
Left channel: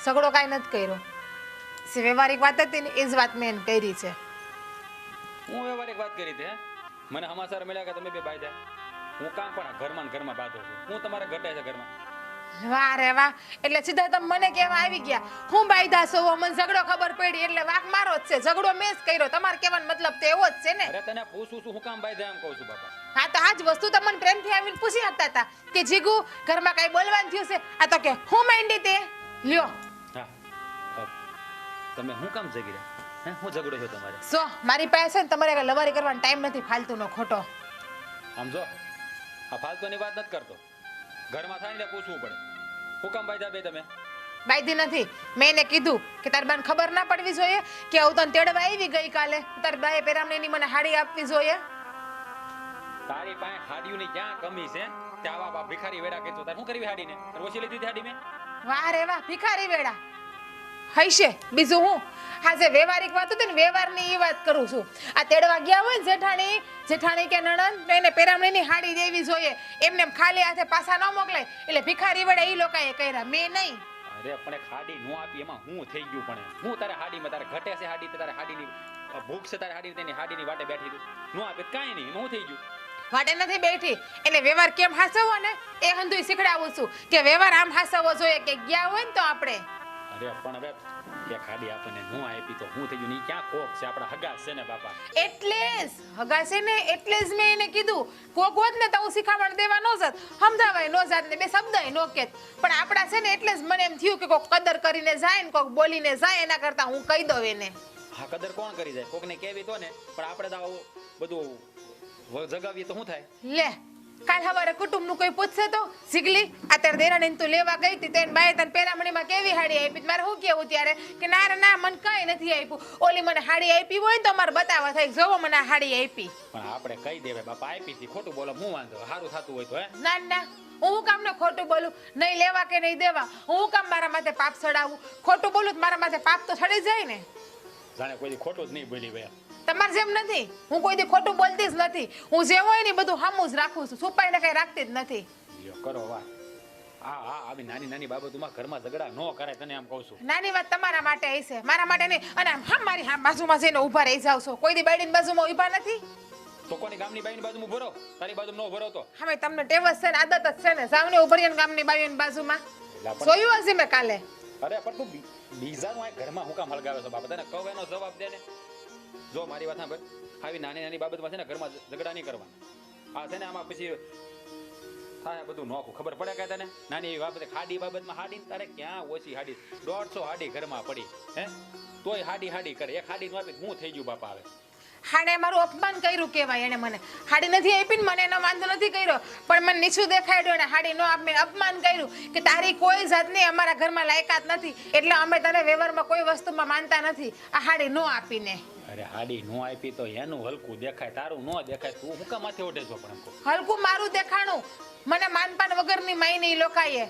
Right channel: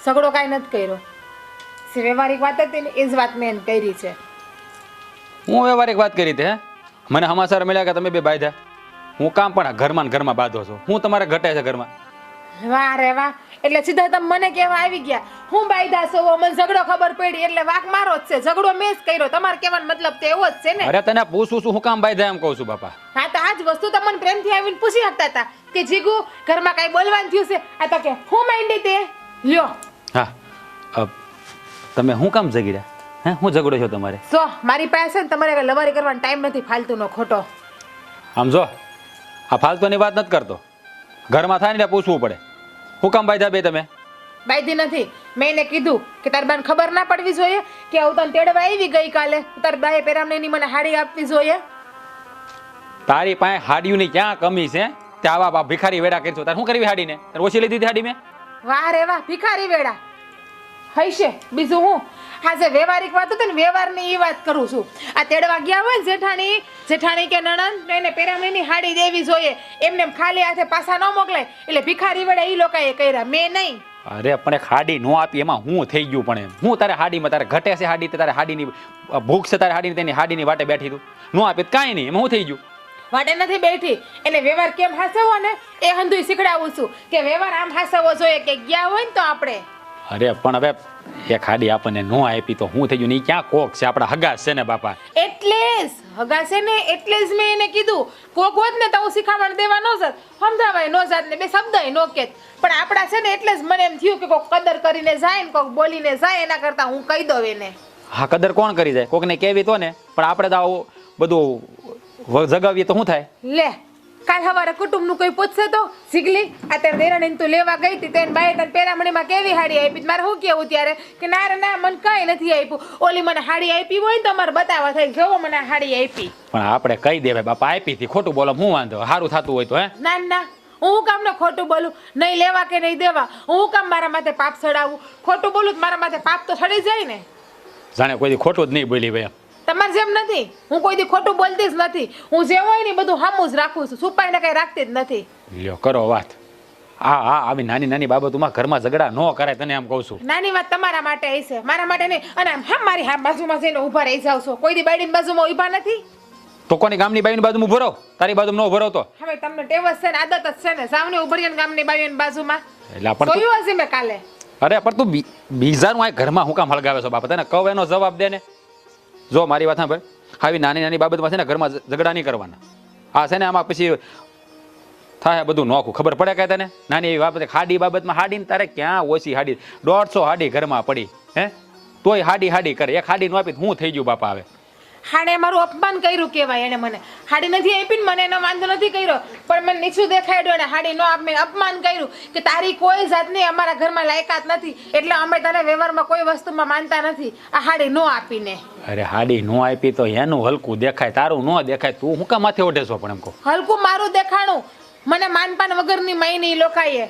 ઝઘડો કાંઈ નથી કર્યો. જે વ્યવહારિક વાત હતી ને એ જ વાત મેં એને કરી છે. હું વ્યવહારિક વાત કરી હતી. હે મને સમાચાર મળ્યા કે તમે બે બાંધ્યા. હું કામ પણ આ ઘરમાં ને ઘરમાં બાંધો છો. હું તમારે ઘટે છે ઘરમાં? વાહ રે વાહ, એટલે સીધા તમે મને કહેવા આવી ગયા હું બાયદા છો, મને ઝઘડો ખબર પડી એટલે વાક મારો જ છે. ઝઘડો મેં જ કર્યો. તમારે કહેવાનો મતલબ તો એવો જ છે ને. અરે તને પૂછું છું હું કામ બાંધ્યા એમ કહું છું બાપા. હા તો આજ વસ્તુ તમને પ્રેમથી આવીને પૂછી શકતા હતા કે જીગુ ઘરમાં કાંઈ બોલવાનું થયું છે? આ તો કે હું માંડી તે લ્યો. હા તમે હું કામ જગી રહ્યા? હે હું ઝઘડો છો તમારે? સો મારી પાસે ને તમારે કાંઈ લવારી કરવાનો ટાઈમ નથી ફાલતુનો ખોટો. આમ જો આ ફાલતુની વાત નથી કરતો. ઘરમાં થાય ને પૂછવું પડે. હું કામ બાંધ્યા બે તમે? બાયધી નથી. મેં એને કીધું કે તારી બાને ખબર ના પડવી જોઈએ કે હું તને તેડવા આવી ગઈકાલે, તારી બાએ પેરામણીની મને હાડી આપવી જોઈએ. તારી પાસે હાડીઓની ક્યાં કમી છે? તે આવા ભિખારી વેડા કરશો તારે શું કરવી હાડીને? તારે ઓછી લીધી હાડી મેં? વાહ રે વાહ, ભિખારી વેડા હૈશે બીજું હું. આ જે વ્યવહારિક વાત હતી ને વ્યવહારની એ વાત કરું છું. આ તેડવા ગયા હોય ને જેઠાણી કે નણંદ એને પેરામણીની હાડી દેવી જોઈએ. એમને ખાલી હાથે પાછા ન મોકલાય. એટલે ભિખારી વેડા એ લોકોએ કર્યા, મેં નહીં. અરે પણ એક હાડી નો આપી એમાં હું થઈ ગયું? પણ એમ હું તારે હાડીમાં તારે ઘટે છે હાડી, તારે હાડીની ભૂખ છે, તારે હાડીની તેની હાડીની વાટે બેઠી તું નો આપી કાંઈ નહીં, એમાં હું થઈ ગયું? વાટે નથી બેઠી. એને વ્યવહાર કેમ હાસવો ને એ હંધુય શીખડાવું છું કે વ્યવહાર આમ હાસવો જોઈએ કે ગયા હોય ને તો આપણે. અરે પણ હવે એક હાડી આપણને નો આપી તો હું થઈ ગયું? નહીં ક્યાં કોક છે આપણા હગા છે ને બાપા. એટલે જ હગા છે ને એટલે જ મેં એને કીધું કોક હોત ને તો હું શીખામણ દેવા ન જાત, સમજાવાય ન જાત ને બે શબ્દ નો કેત. પણ આપણા છે ને એટલે જ મને એમ થયું કે કોક કદર કરીને જાય ને કોક બોલીને જાય એના કરતા હું કહી દઉં એને. હા કદર કોણ કરી જાય? કોકને કેવી તો ને, પણ આપણે તો આવું બધું જગાવીએ તો શું થાય? લે કાલ સવારે કુટુંબનું કોઈ પૂછશે તો સીગલી અત્યારે દેરાણીને તું લેવા ગઈ હતી તેને બાય તને પેરામણીમાં કેવી હાડી આપી? મારે શું કેવું ત્યારે કે ના રે ના મને કઈ નથી આપ્યું. ઓલી મને હાડી આપી હોય ને તો મારે બતાવવા થાય જોવો મને આ હાડી આપી. પણ આપણે કહી દેવાય બાપા આપી હતી, ખોટું બોલો હું વાંધો? સારું થતું હોય તો હે ના ના હું કામ ને ખોટું બોલું? નહીં લેવા કે નહીં દેવા હું કામ મારા માથે પાપ ચડાવું? ખોટું બોલું મારા માથે પાપ તો ચડી જાય ને. જાણે કોઈ ખોટું જ નહીં બોલી ભાઈ. તમારે જેમ નથી, હું કોઈ દી ખોટું બોલતી જ નથી. હું જે હોય ને બધું હામું જ રાખું છું, છુપાઈને કઈ રાખતી જ નથી. લ્યો કરો વાત. હા આવી નાની નાની બાબતોમાં ઘરમાં ઝઘડા ન કરાય તને એમ કહું છું. નાની વાત તમારા માટે હશે, મારા માટે નહીં. અને હેમ મારી હા બાજુમાં જઈને ઊભા રહી જાવ છો? કોઈ દી બાયડીની બાજુમાં ઊભા નથી? તો કોની ગામની બાઈની બાજુમાં ઉભો રહો? તારી બાજુમાં ન ઉભો રહો તો? હવે તમને ટેવ જ છે ને આદત જ છે ને સામને ઊભા રહીને ગામની બાઈઓની બાજુમાં. એટલે પણ જોયું હશે મેં કાલે. અરે પણ તું બીજાનું આ ઘરમાં હું કામ હળગાવે છો બાપા? તને કહું એનો જવાબ દે ને. જો મારી વાત સાંભળ, આવી નાની નાની બાબતમાં છે ને ઘરમાં ઝઘડા નહીં કરવાના. આ છે ને આમાં પછી થાય બધું નોખું. ખબર પડે કે તને? નાની એવી બાબત હાડી બાબતમાં હાડીને તારે ક્યાં ઓછી હાડી 150 હાડી ઘરમાં પડી હે તોય હાડી કરે. એક હાડી નો આપી હું થઈ ગયું બાપા? હવે હાડે મારું અપમાન કર્યું કહેવાય એને મને. હાડી નથી આપી ને મને એનો વાંધો નથી કર્યો, પણ મને નીચું દેખાડ્યું અને હાડી નો આપીને અપમાન કર્યું કે તારી કોઈ જાતની અમારા ઘરમાં લાયકાત નથી, એટલે અમે તને વ્યવહારમાં કોઈ વસ્તુમાં માનતા નથી આ હાડી નો આપીને. અરે હાડી નો આપી તો એનું હલકું દેખાય, તારું નો દેખાય. તું હું કામ માથે ઓઢે છો? પણ એમ કહો હલકું મારું દેખાણું, મને માનપાન વગરની માયની લોકાએ.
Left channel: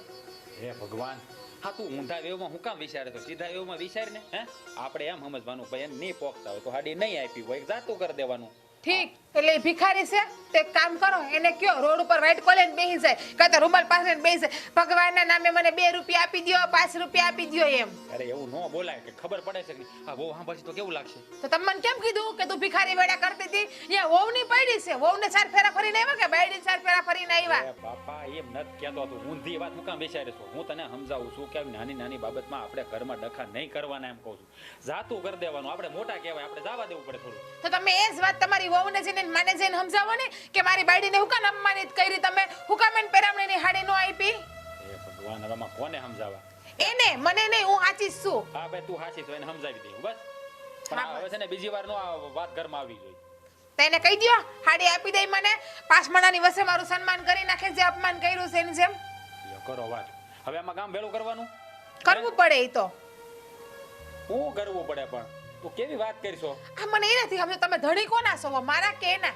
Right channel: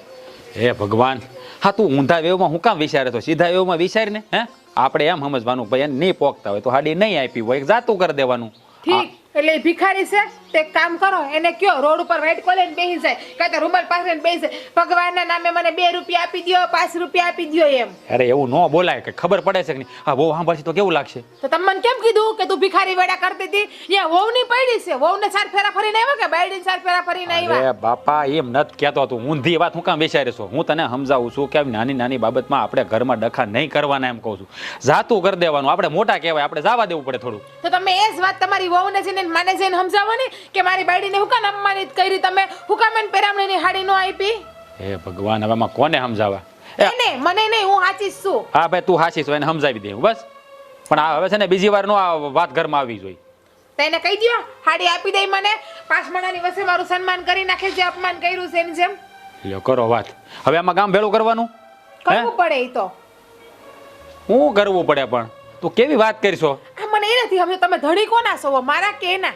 હે ભગવાન, હા તું ઊંધા વેવમાં હું કામ વિચારે તો સીધા વેવમાં વિચાર ને. હે આપણે એમ સમજવાનું ભાઈ એને નહીં પોકતા હોય તો હાડી નહીં આપી હોય જાતું કરી દેવાનું. ઠીક, એટલે એ ભિખારી છે તે એક કામ કરો, એને કયો રોડ ઉપર વેટ કોલે બેસી જાય, કાં તો રૂમાલ પાસે બેસી જાય, ભગવાનના નામે મને 2 રૂપિયા આપી દ્યો, 5 રૂપિયા આપી દ્યો એમ. અરે એવું ન બોલાય, કે ખબર પડે છે કે નહીં? હા બહુ સાંભળશે તો કેવું લાગશે? તો તમે મને કેમ કીધું કે તું ભિખારી વેડા કરતી હતી? એ વહુની પડી છે, વહુને 4 ફેરા ફરીને આવ્યા કે બાયડીને 4 ફેરા ફરીને આવ્યા? અરે બાપા એમ નથી કહેતો, તું ઊંધી વાત હું કામ વિચારે છો? હું તને સમજાવું છું કે આવી નાની નાની બાબતમાં આપણે ઘરમાં ડખા નહીં કરવાના એમ કહું છું. જાતું કરી દેવાનું, આપણે મોટા કહેવાય, આપણે જવા દેવું પડે થોડું. તો તમે એ જ વાત તમારી વહુને જઈને માને જઈને સમજાવવાની કે મારી બાયડીને હું કામ અપમાનિત કરી, તમે હું કામ એને પેરામણીની હાડી નો આપી? હે ભગવાન, હવે આમાં કોને સમજાવવા? એને મને નહીં, હું સાચી જ છું. હા ભાઈ તું હાચી છો, એને સમજાવી દે બસ. પણ આ હવે છે ને બીજી વાર નો આ વાત ઘરમાં આવી જોઈએ. તેને કહી દ્યો હાડી આપી દે મને, 5 મણાની વસે મારું સન્માન કરી નાખે, જે અપમાન કર્યું છે એની જેમ. લ્યો કરો વાત. હવે આમાં ગામ ભેળું કરવાનું કરવું પડે ઈ તો. હું કરવું પડે? પણ તું કેવી વાત કરશો? આ મને એ નથી હવે તમે ધણી કોના છો, મારા કે એના?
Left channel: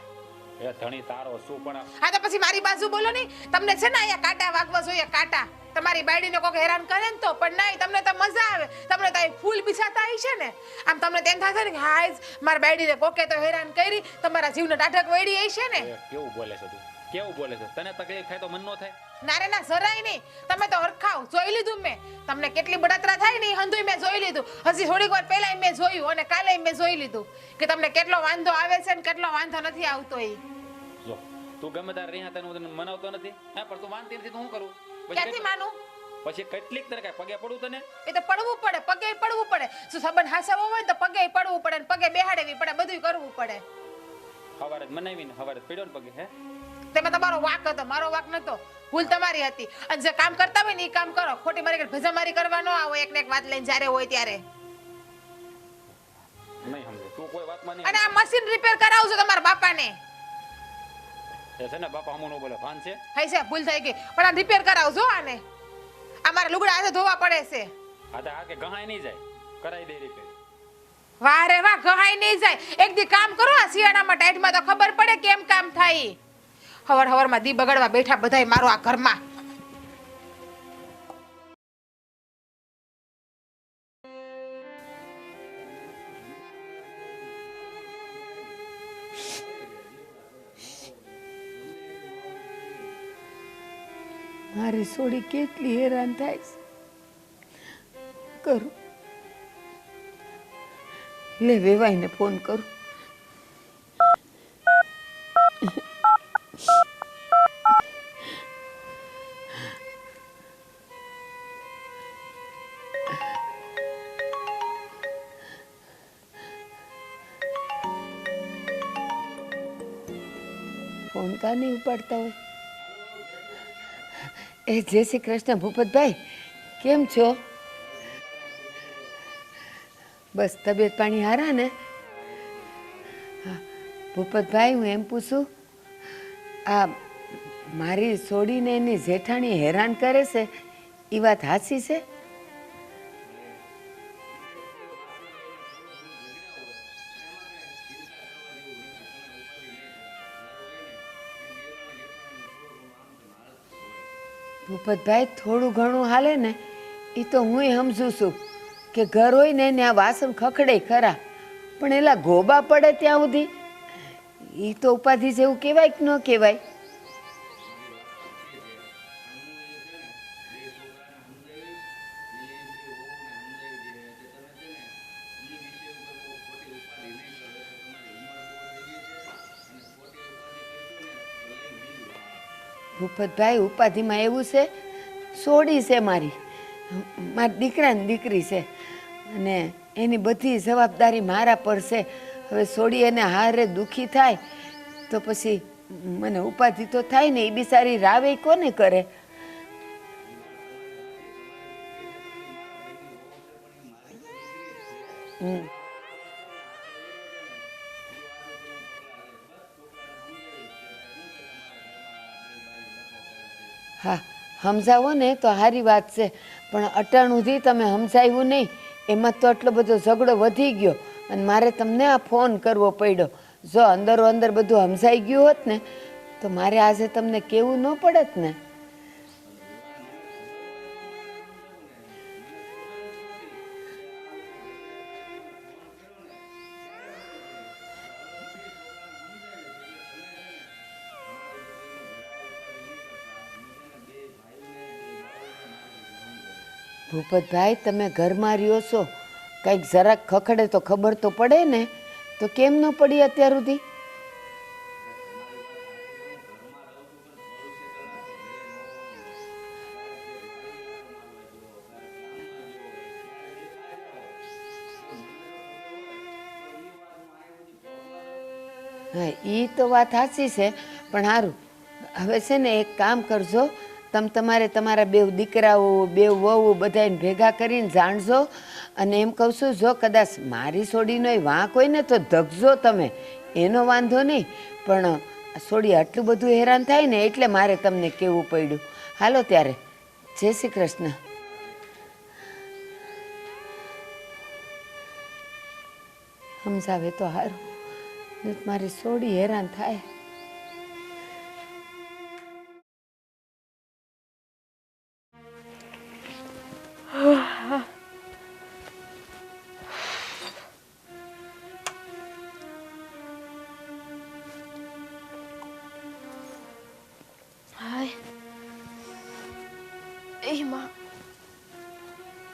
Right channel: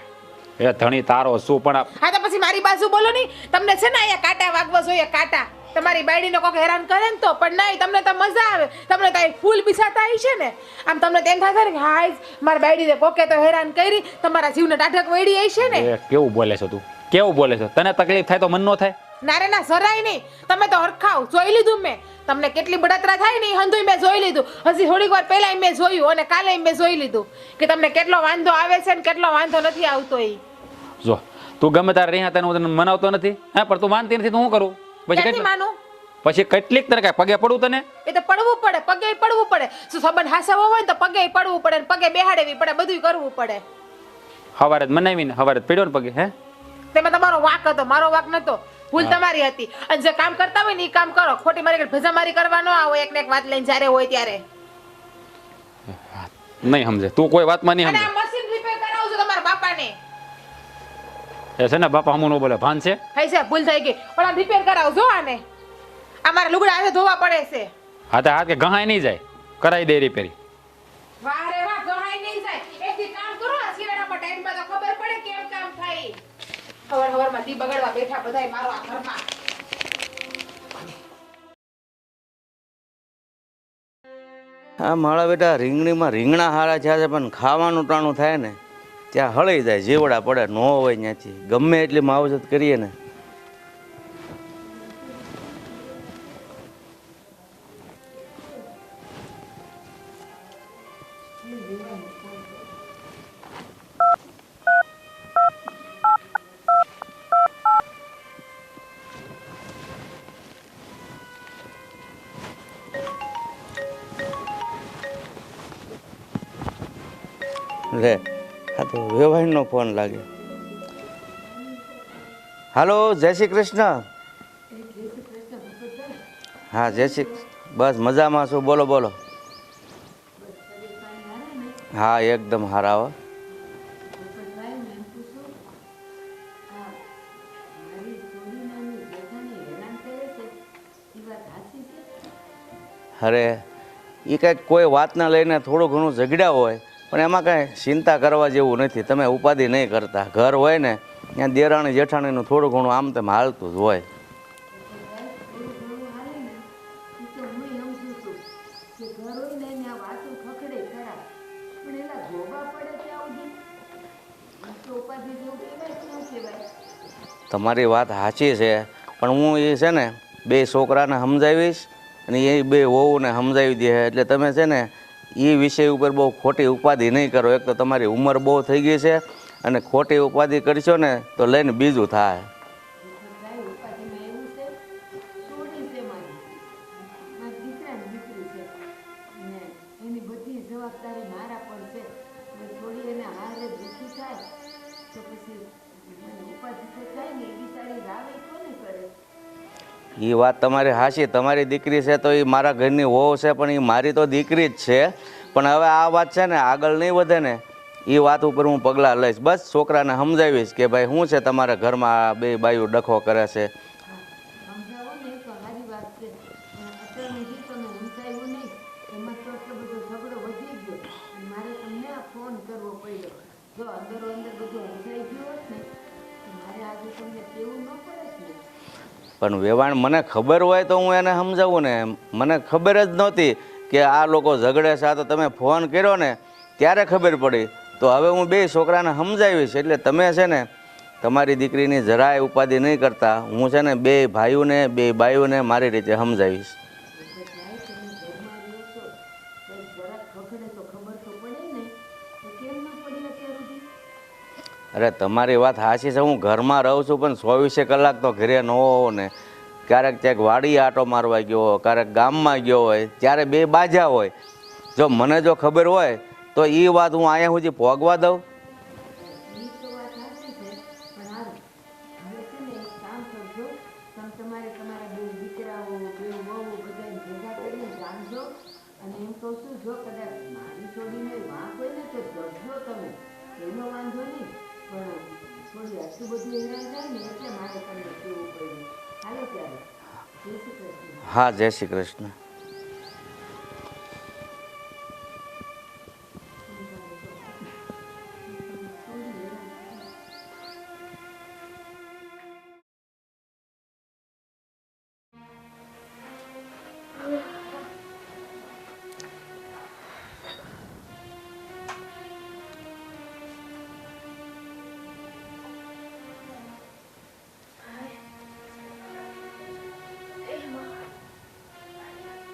એ ધણી તારો શું? પણ હા તો પછી મારી બાજુ બોલો નહીં. તમને છે ને અહીંયા કાંટા વાગવા જોઈએ, કાંટા. તમારી બાયડીનો કોક હેરાન કરે ને તો, પણ નહીં, તમને તો મજા આવે, તમને તો ફૂલ પીસાતા આવી છે ને. આમ તમને તેમ થશે ને કે હાય મારી બાયડીને કોકે તો હેરાન કરી, તમારા જીવને ટાઢક વેડી આવી છે ને. એ કેવું બોલે છો તું? કેવું બોલે છો? તને તકલીફ થાય તો મન નો થાય? ના રે ના, જરાય નહીં. તમે તો હરખાવ જોઈ લીધું મેં, તમને કેટલી બળતરા થાય ને હંધુય મેં જોઈ લીધું. હજી થોડીક વાર પહેલા મેં જોયું અને કાલે મેં જોઈ લીધું કે તમને કેટલો વાંધો આવે છે ને કેટલો વાંધો નથી આવતો. એ જો તું ગમે તારે રહ્યા તને હું તને મનાવતો નથી, હા, પણ તું માનતી નથી તો હું કરું? ક્યાંથી માનું? પછી કેટલીક તને કાંઈ પગે પડું તને? એ તો પડવું પડે, પગે પડવું પડે. શું સંબંધ હાસવો હોય ને તો પગે પડવું પડે, પગે બેહાડવી પડે, બધું કરવું પડે. હવારે જ મનાવીને હવારે જ પડ્યો ને પગે. હે તેમાં તમારો વાક હતો, મારો વાક નતો. ભૂલ તમારી હતી. અને જે કામ કરતા હોય ને એ કામ કરો, ખોટી મારી ભેજામારી કરવા ન આવો એક ને એક વાત લઈને જ્યારે હોય ત્યારે. નહીં સમજે તું, કોઈ વાતમાં નહીં અને સમજે. આ મશીન રિપેર કરાવજો તમારા બાપાને. એ છે ને બાપા હમું ન બોલે, ભાન છે? થઈ છે, ભૂલ થઈ ગઈ, પણ આ રિપેર કરાવજો આને. અમારે લુગડા આજે ધોવા પડે છે. હા તો હાથ કે ગહાય નહીં જાય, કરાવી દે રિપેરી. વાહ રે વાહ, ગહાય નહીં જાય. એક દી કામ કરો આ શિયાળામાં ટાઈટમાં તો ખબર પડે કેમ કામ થાય. હવાર હવારમાં દી બગાડવા બેઠા બધાય મારો આ ઘરમાં. હા મારા બેટા રીંગણીમાં રીંગણા હારા થયા છે, પણ ખાવાનું ટાણું થાય ને ત્યાં હળી જાય, જીવડા પડે ન હોય ત્યાંથી ગમે એટલી માવજત કરીએ ને. મારી સોડી કેટલી હેરાન થાય છે. કરું લે વેવાઈને ફોન કરું. લે આ તો વેવાઈનો ફોન લાગે. ફોન કા નહીં ઉપાડતા હોય? હાલો, જય શ્રી કૃષ્ણ. એ જય શ્રી કૃષ્ણ ભૂપતભાઈ. હા કેમ જય છો? શ્રી, બસ મજામાં છું. બોલો બોલો. બસ તબિયત પાણી હારા ને? હા એકદમ હારા હો. હા ભૂપતભાઈ, હું એમ પૂછું, આ મારી સોડીને એની જેઠાણી હેરાન કરે છે એ વાત સાચી છે? અરે એ કંઈક કોઈ વાતને લઈને થોડું ઘણું ઝઘડ્યા હોય, પણ એમાં કાંઈ ચિંતા કરવા જેવું નથી. તમે ઉપાધિ નહીં કરતા. ઘર હોય ને ત્યાં દેરાણી જેઠાણીનું થોડું ઘણું આમ તેમ હાલતું જ હોય. ભૂપતભાઈ થોડું ઘણું હાલે ને એ તો હું સમજુ છું કે ઘર હોય ને એને આ વાસણ ખખડે ખરા, પણ એલા ગોબા પડે ત્યાં સુધી એ તો ઉપાધિ જેવું કહેવાય કે ન કહેવાય? તમારી વાત સાચી છે, પણ હું એ છે ને 2 છોકરાને સમજાવીશ અને એ 2 વહુને સમજાવી દે, એટલે તમે છે ને એ વિષય ઉપર બહુ ખોટી ઉપાધિ નહીં કરો. એક તો તમારી ઉંમર બહુ થઈ ગઈ છે અને ખોટી ઉપાધિ કરશો ને તો લઈને બીજું થાય. ભૂપતભાઈ ઉપાધિમાં એવું છે, સોડી છે મારી, મારા દીકરાની દીકરી છે અને એની બધી જવાબદારી મારા પર છે. હવે સોડી એને હારે દુઃખી થાય તો પછી મને ઉપાધિ તો થાય ને. એ બિચારી રાવે કોને કરે? એ વાત તમારી હાચી. તમારી દીકરી છે તો એ મારા ઘરની વહુ છે, પણ એ મારી તો દીકરી જ છે. પણ હવે આ વાત છે ને આગળ નહીં વધે ને એ વાત ઉપર હું પગલાં લઈશ. બસ છોકરાને સમજાવીશ કે ભાઈ શું છે તમારા ઘરમાં આ બે બાયું ડખો કરે છે. હા સમજાવો ને તો સારી વાત છે, પણ અટાણુંથી તમે સમજાવ્યું નહીં, એમાં તો આટલો બધો ઝઘડો વધી ગયો અને મારે તમને આ ફોન કરવો પડ્યો. જો અંદરો અંદર બધું સમજાઈ ગયું હોત ને તો મારે આજે તમને કેવું ન પડત ને. પણ વેવાણ મને ખબર હોય તો હું એને સમજાવું ને. મને ખબર જ નહોતી કે આ લોકો ઝઘડે છે. આ તો તમે ફોન કર્યો ને ત્યારે ખબર પડી. તો હવે હું બે છોકરાને સમજાવીશ. એટલે તમે છે ને તમારી દીકરીની જરાય ઉપાધિ નહીં કરતા. હું છે ને બે ભાઈઓને બે બાઈઓને મારી રીતે સમજાવીશ. ભૂપતભાઈ તમે ઘરમાં રહ્યો છો, કંઈક જરાક ખખડે તો ખબર તો પડે ને, તો કેમ ન પડી અત્યાર સુધી? અરે તમારી વાત સાચી છે, હું ઘરમાં રહું છું પણ 24 કલાક તો ઘરે ન હોવ ને. ક્યારેક ક્યાંક વાડી આટો મારવા ગયો હોય, ક્યારેક ગામમાં ગયો હોય, ત્યારે બે બાજા હોય. જો મને જો ખબર હોય તો એ વાત હું અહીંયા સુધી ભોગવા દઉં? હા એ તો વાત સાચી છે, પણ સારું હવે છે ને એક કામ કરજો, તમે તમારા બેવ દીકરાઓ બેવ વહુ બધાને ભેગા કરીને જાણજો અને એમ કહું છું જો કદાચ મારી સોડીનો વાંક હોય ને તો ધગજો તમે, એનો વાંધો નહીં, પણ સોડી આટલું બધું હેરાન થાય ને એટલે મારે તમને કહેવું પડ્યું. હાલો ત્યારે જય શ્રી કૃષ્ણ. હા જય શ્રી કૃષ્ણ. સમજાવે તો સારું, મારી સોડી હેરાન થાય.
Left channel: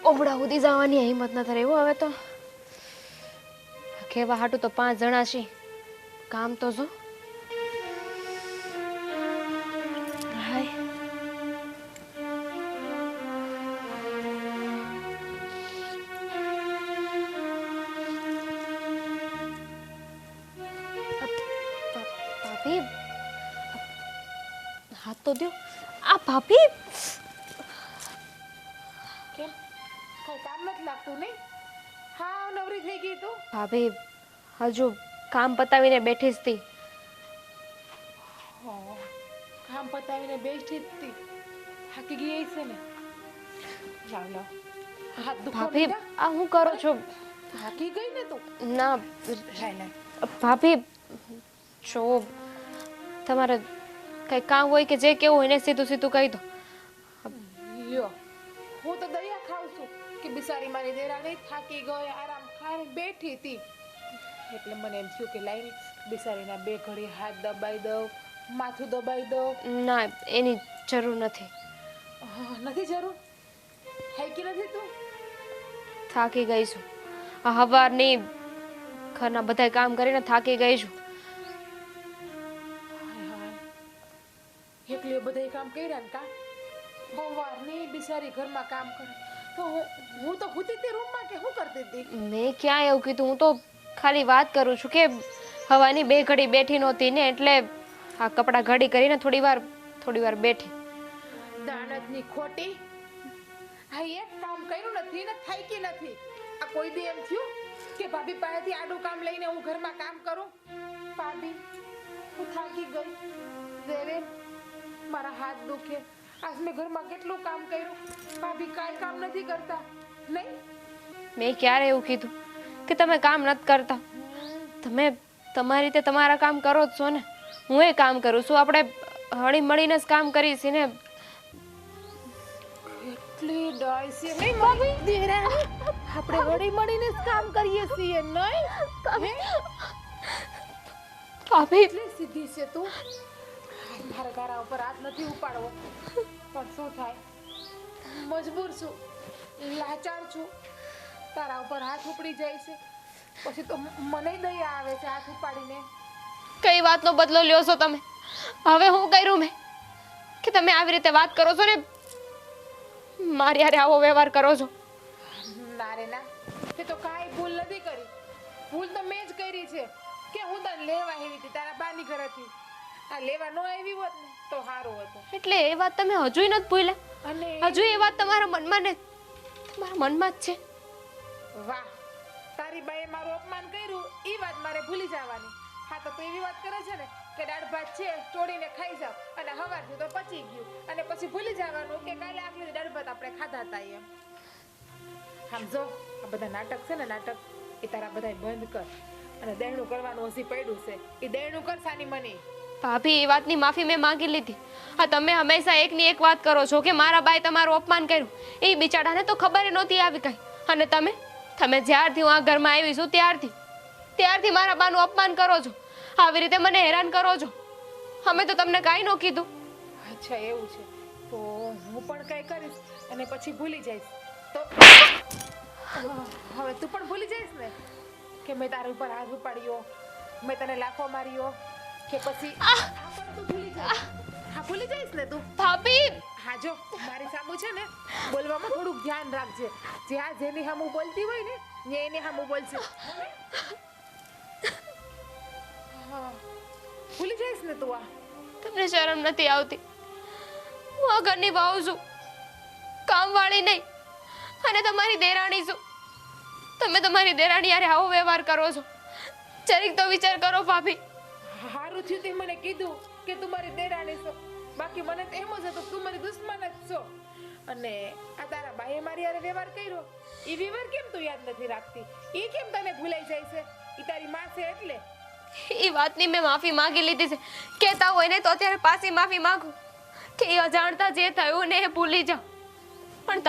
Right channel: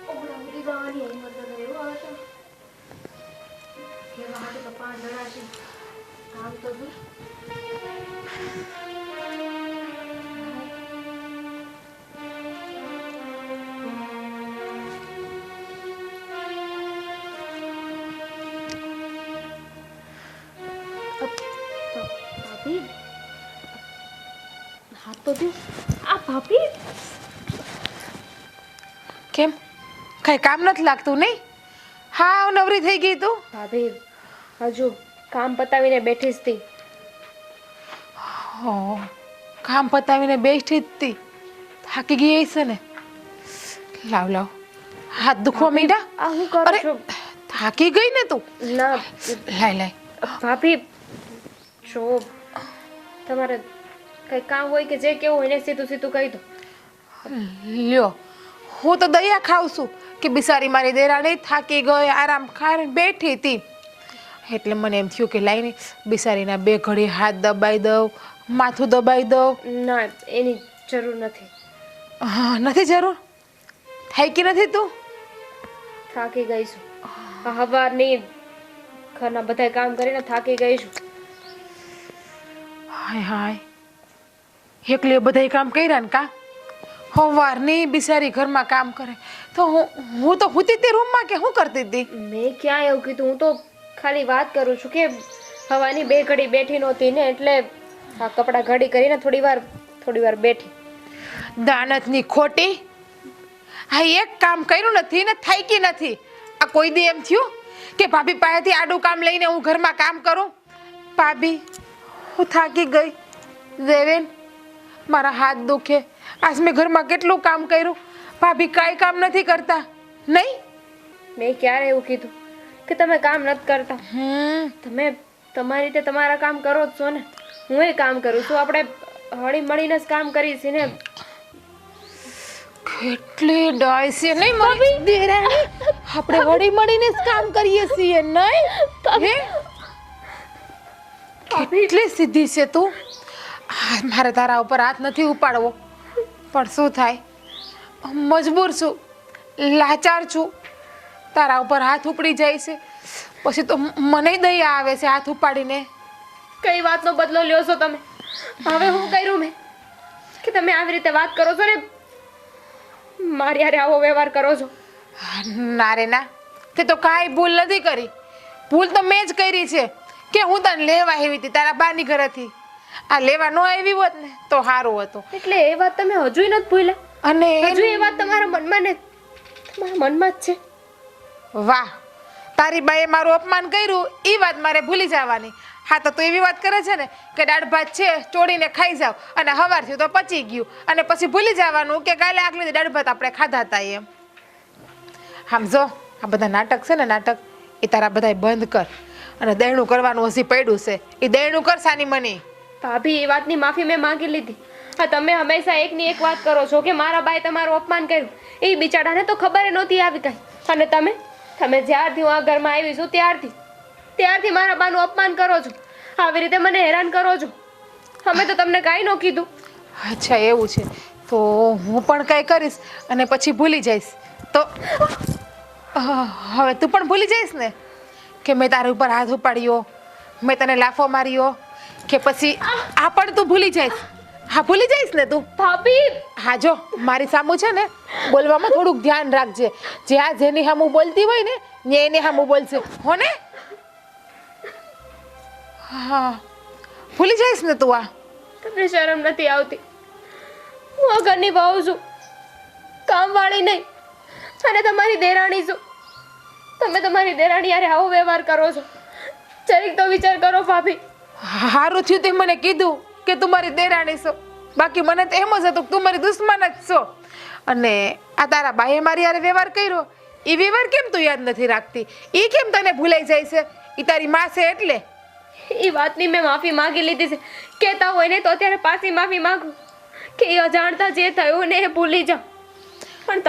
ઓમડા સુધી જવાની હિંમત ન થાય એવું. હવે તો કેવા હાટું તો 5 જણા છે, કામ તો જો. ભાભી હાથ તો દો. આ ભાભી કેમ કઈ કામ નથી લાગતું નહીં? હા નવરી થઈ ગઈ તું? ભાભી હજુ કામ પતાવીને બેઠી જ હતી. હો કામ પતાવીને બેઠી જ હતી, થાકી ગઈ હશે ને. લાવ લાવ હાથ દુખવા મીડા. આ હું કરું છું? થાકી ગઈ ને તું? ના લાય લાય. ભાભી જો તમારે કઈ કામ હોય કે જે કેવું હોય ને સીધું સીધું કહી દો. લ્યો હું તો દયા ખાઉં છું કે બિચારી મારી દેરાણી થાકી ગઈ, આરામ ખાઈને બેઠી હતી, એટલે મને એમ થયું કે લાઈને બિચારીના 2 ઘડી હાથ દબાઈ દઉં, માથું દબાઈ દઉં. ના એની જરૂર નથી. હા નથી જરૂર? થાકી નથી તું? થાકી ગઈ છું. હવારની ઘરના બધા કામ કરીને થાકી ગઈ છું. હાય હાય એકલી બધાય કામ કર્યા ને કા? સવારની બિચારી ઘરમાં કામ કરે તો હું તો હુતી તે રૂમમાં કે શું કરતી હતી? મેં ક્યાં એવું કીધું? હું તો ખાલી વાત કરું છું કે હવાની 2 ઘડી બેઠી નહોતી ને એટલે આ કપડાં ઘડી કરીને થોડી વાર બેઠી. દાનતની ખોટી. હા એક કામ કર્યું નથી ને થાકી નથી. આ કોઈ દી એમ થયું કે ભાભી પાસેથી આડું કામ લઈને હું ઘરમાં કામ કરું? ભાભી હું થાકી ગઈ. દેવેન મારા હાથ દુખે. આજ મેં ઘરમાં કેટલું કામ કર્યું, ભાભી કાંઈ કામ નથી કરતા નહીં? મેં ક્યારે એવું કીધું કે તમે કામ નથી કરતા? તમે તમારી રીતે તમારા કામ કરો જ છો ને, હું એ કામ કરું છું. આપણે હળી મળીને જ કામ કરીએ છીએ ને. કેટલી ડાય છે નહીં મારી દેરાણી? આપણે વળી મળીને જ કામ કરીએ છીએ નહીં? કેટલી સીધી છે તું. મારે તારા ઉપર હાથ નથી ઉપાડવો, પણ શું થાય, મજબૂર છું, લાચાર છું. તારા ઉપર હાથ ઉપડી જાય છે પછી તો મને દયા આવે છે હાથ ઉપાડીને. કઈ વાતનો બદલો લ્યો છો તમે? હવે હું કર્યું મેં કે તમે આવી રીતે વાત કરો છો ને મારી હારે આવો વ્યવહાર કરો છો? ના રે ના, તે તો કાંઈ ભૂલ નથી કરી. ભૂલ તો મેં જ કરી છે કે હું તને લેવા આવી હતી તારા બાની ઘરેથી. આ લેવા ન આવી હોત ને તો સારું હતું. એટલે એ વાત તમે હજુય નથી ભૂલ્યા? અને હજુ એ વાત તમારા મનમાં ને તમારા મનમાં જ છે? વાહ, તારી બાએ મારું અપમાન કર્યું એ વાત મારે ભૂલી જવાની. હા તો તું એવી વાત કરે છે ને કે દાળ ભાત છે ચોળીને ખાઈ જાવ અને હવારથી તો પચી ગયું અને પછી ભૂલી જવાનું કે કાલે આગલે દાળ ભાત આપણે ખાધા હતા એમ. આમ જો આ બધા નાટક છે ને નાટક એ તારા બધાય બંધ કર અને દેણું કરવાનું હજી પડ્યું છે એ દેણું કર સાની મની. ભાભી એ વાતની માફી મેં માંગી લીધી. હા તમે હંમેશા એકની એક વાત કરો છો કે મારા બાએ તમારું અપમાન કર્યું. એ બિચારાને તો ખબર નહોતી આવી કઈ. અને તમે જ્યારથી હું આ ઘરમાં આવી છું ત્યારથી મારા બાનું અપમાન કરો છો. આવી રીતે મને હેરાન કરો છો. અમે તો તમને કાંઈ ન કીધું. અચ્છા એવું છે તો હું પણ કંઈ કરીશ અને પછી ભૂલી જઈશ તો હવે તું પણ ભૂલી જઈશ ને કે મેં તારા ઉપર હાથ ઉપાડ્યો, મેં તને લાફો માર્યો કે પછી આ પણ તું ભૂલી જઈશ. હા ભૂલી જઈશ ને તું. ભાભી હા જો મારી સામું છે ને બોલવામાં થોડુંક ધ્યાન રાખજે. જે આ જેની સામું બોલતી હોય ને ને એની સામું બોલશે હો ને. હા ભૂલી જઈશ ને તું. આ તમને શરમ નથી આવતી? હું આ ઘરની વહુ છું, કામવાળી નહીં. અને તમારી દેરાણી છું. તમે તમારી દેરાણી યારે આવો વ્યવહાર કરો છો. જરીક તો વિચાર કરો ભાભી. હારું થયું તે મને કીધું કે તું મારી દેરાણી છો. બાકી મને તો એમ જ હતું કે તું મારી દુશ્મન જ છો. અને આ તારા બાએ મારી યારે વ્યવહાર કર્યો એ વ્યવહાર કેમ તું યાદ નથી રાખતી? એ કેમ તને ભૂલાઈ જાય છે? એ તારી માં છે એટલે. એ વાતની મેં માફી માંગી લીધી છે. કહેતા હોય ને તો અત્યારે પાછી માફી માંગુ કે એ અજાણતા જે થયું ને એ ભૂલી જાઓ. પણ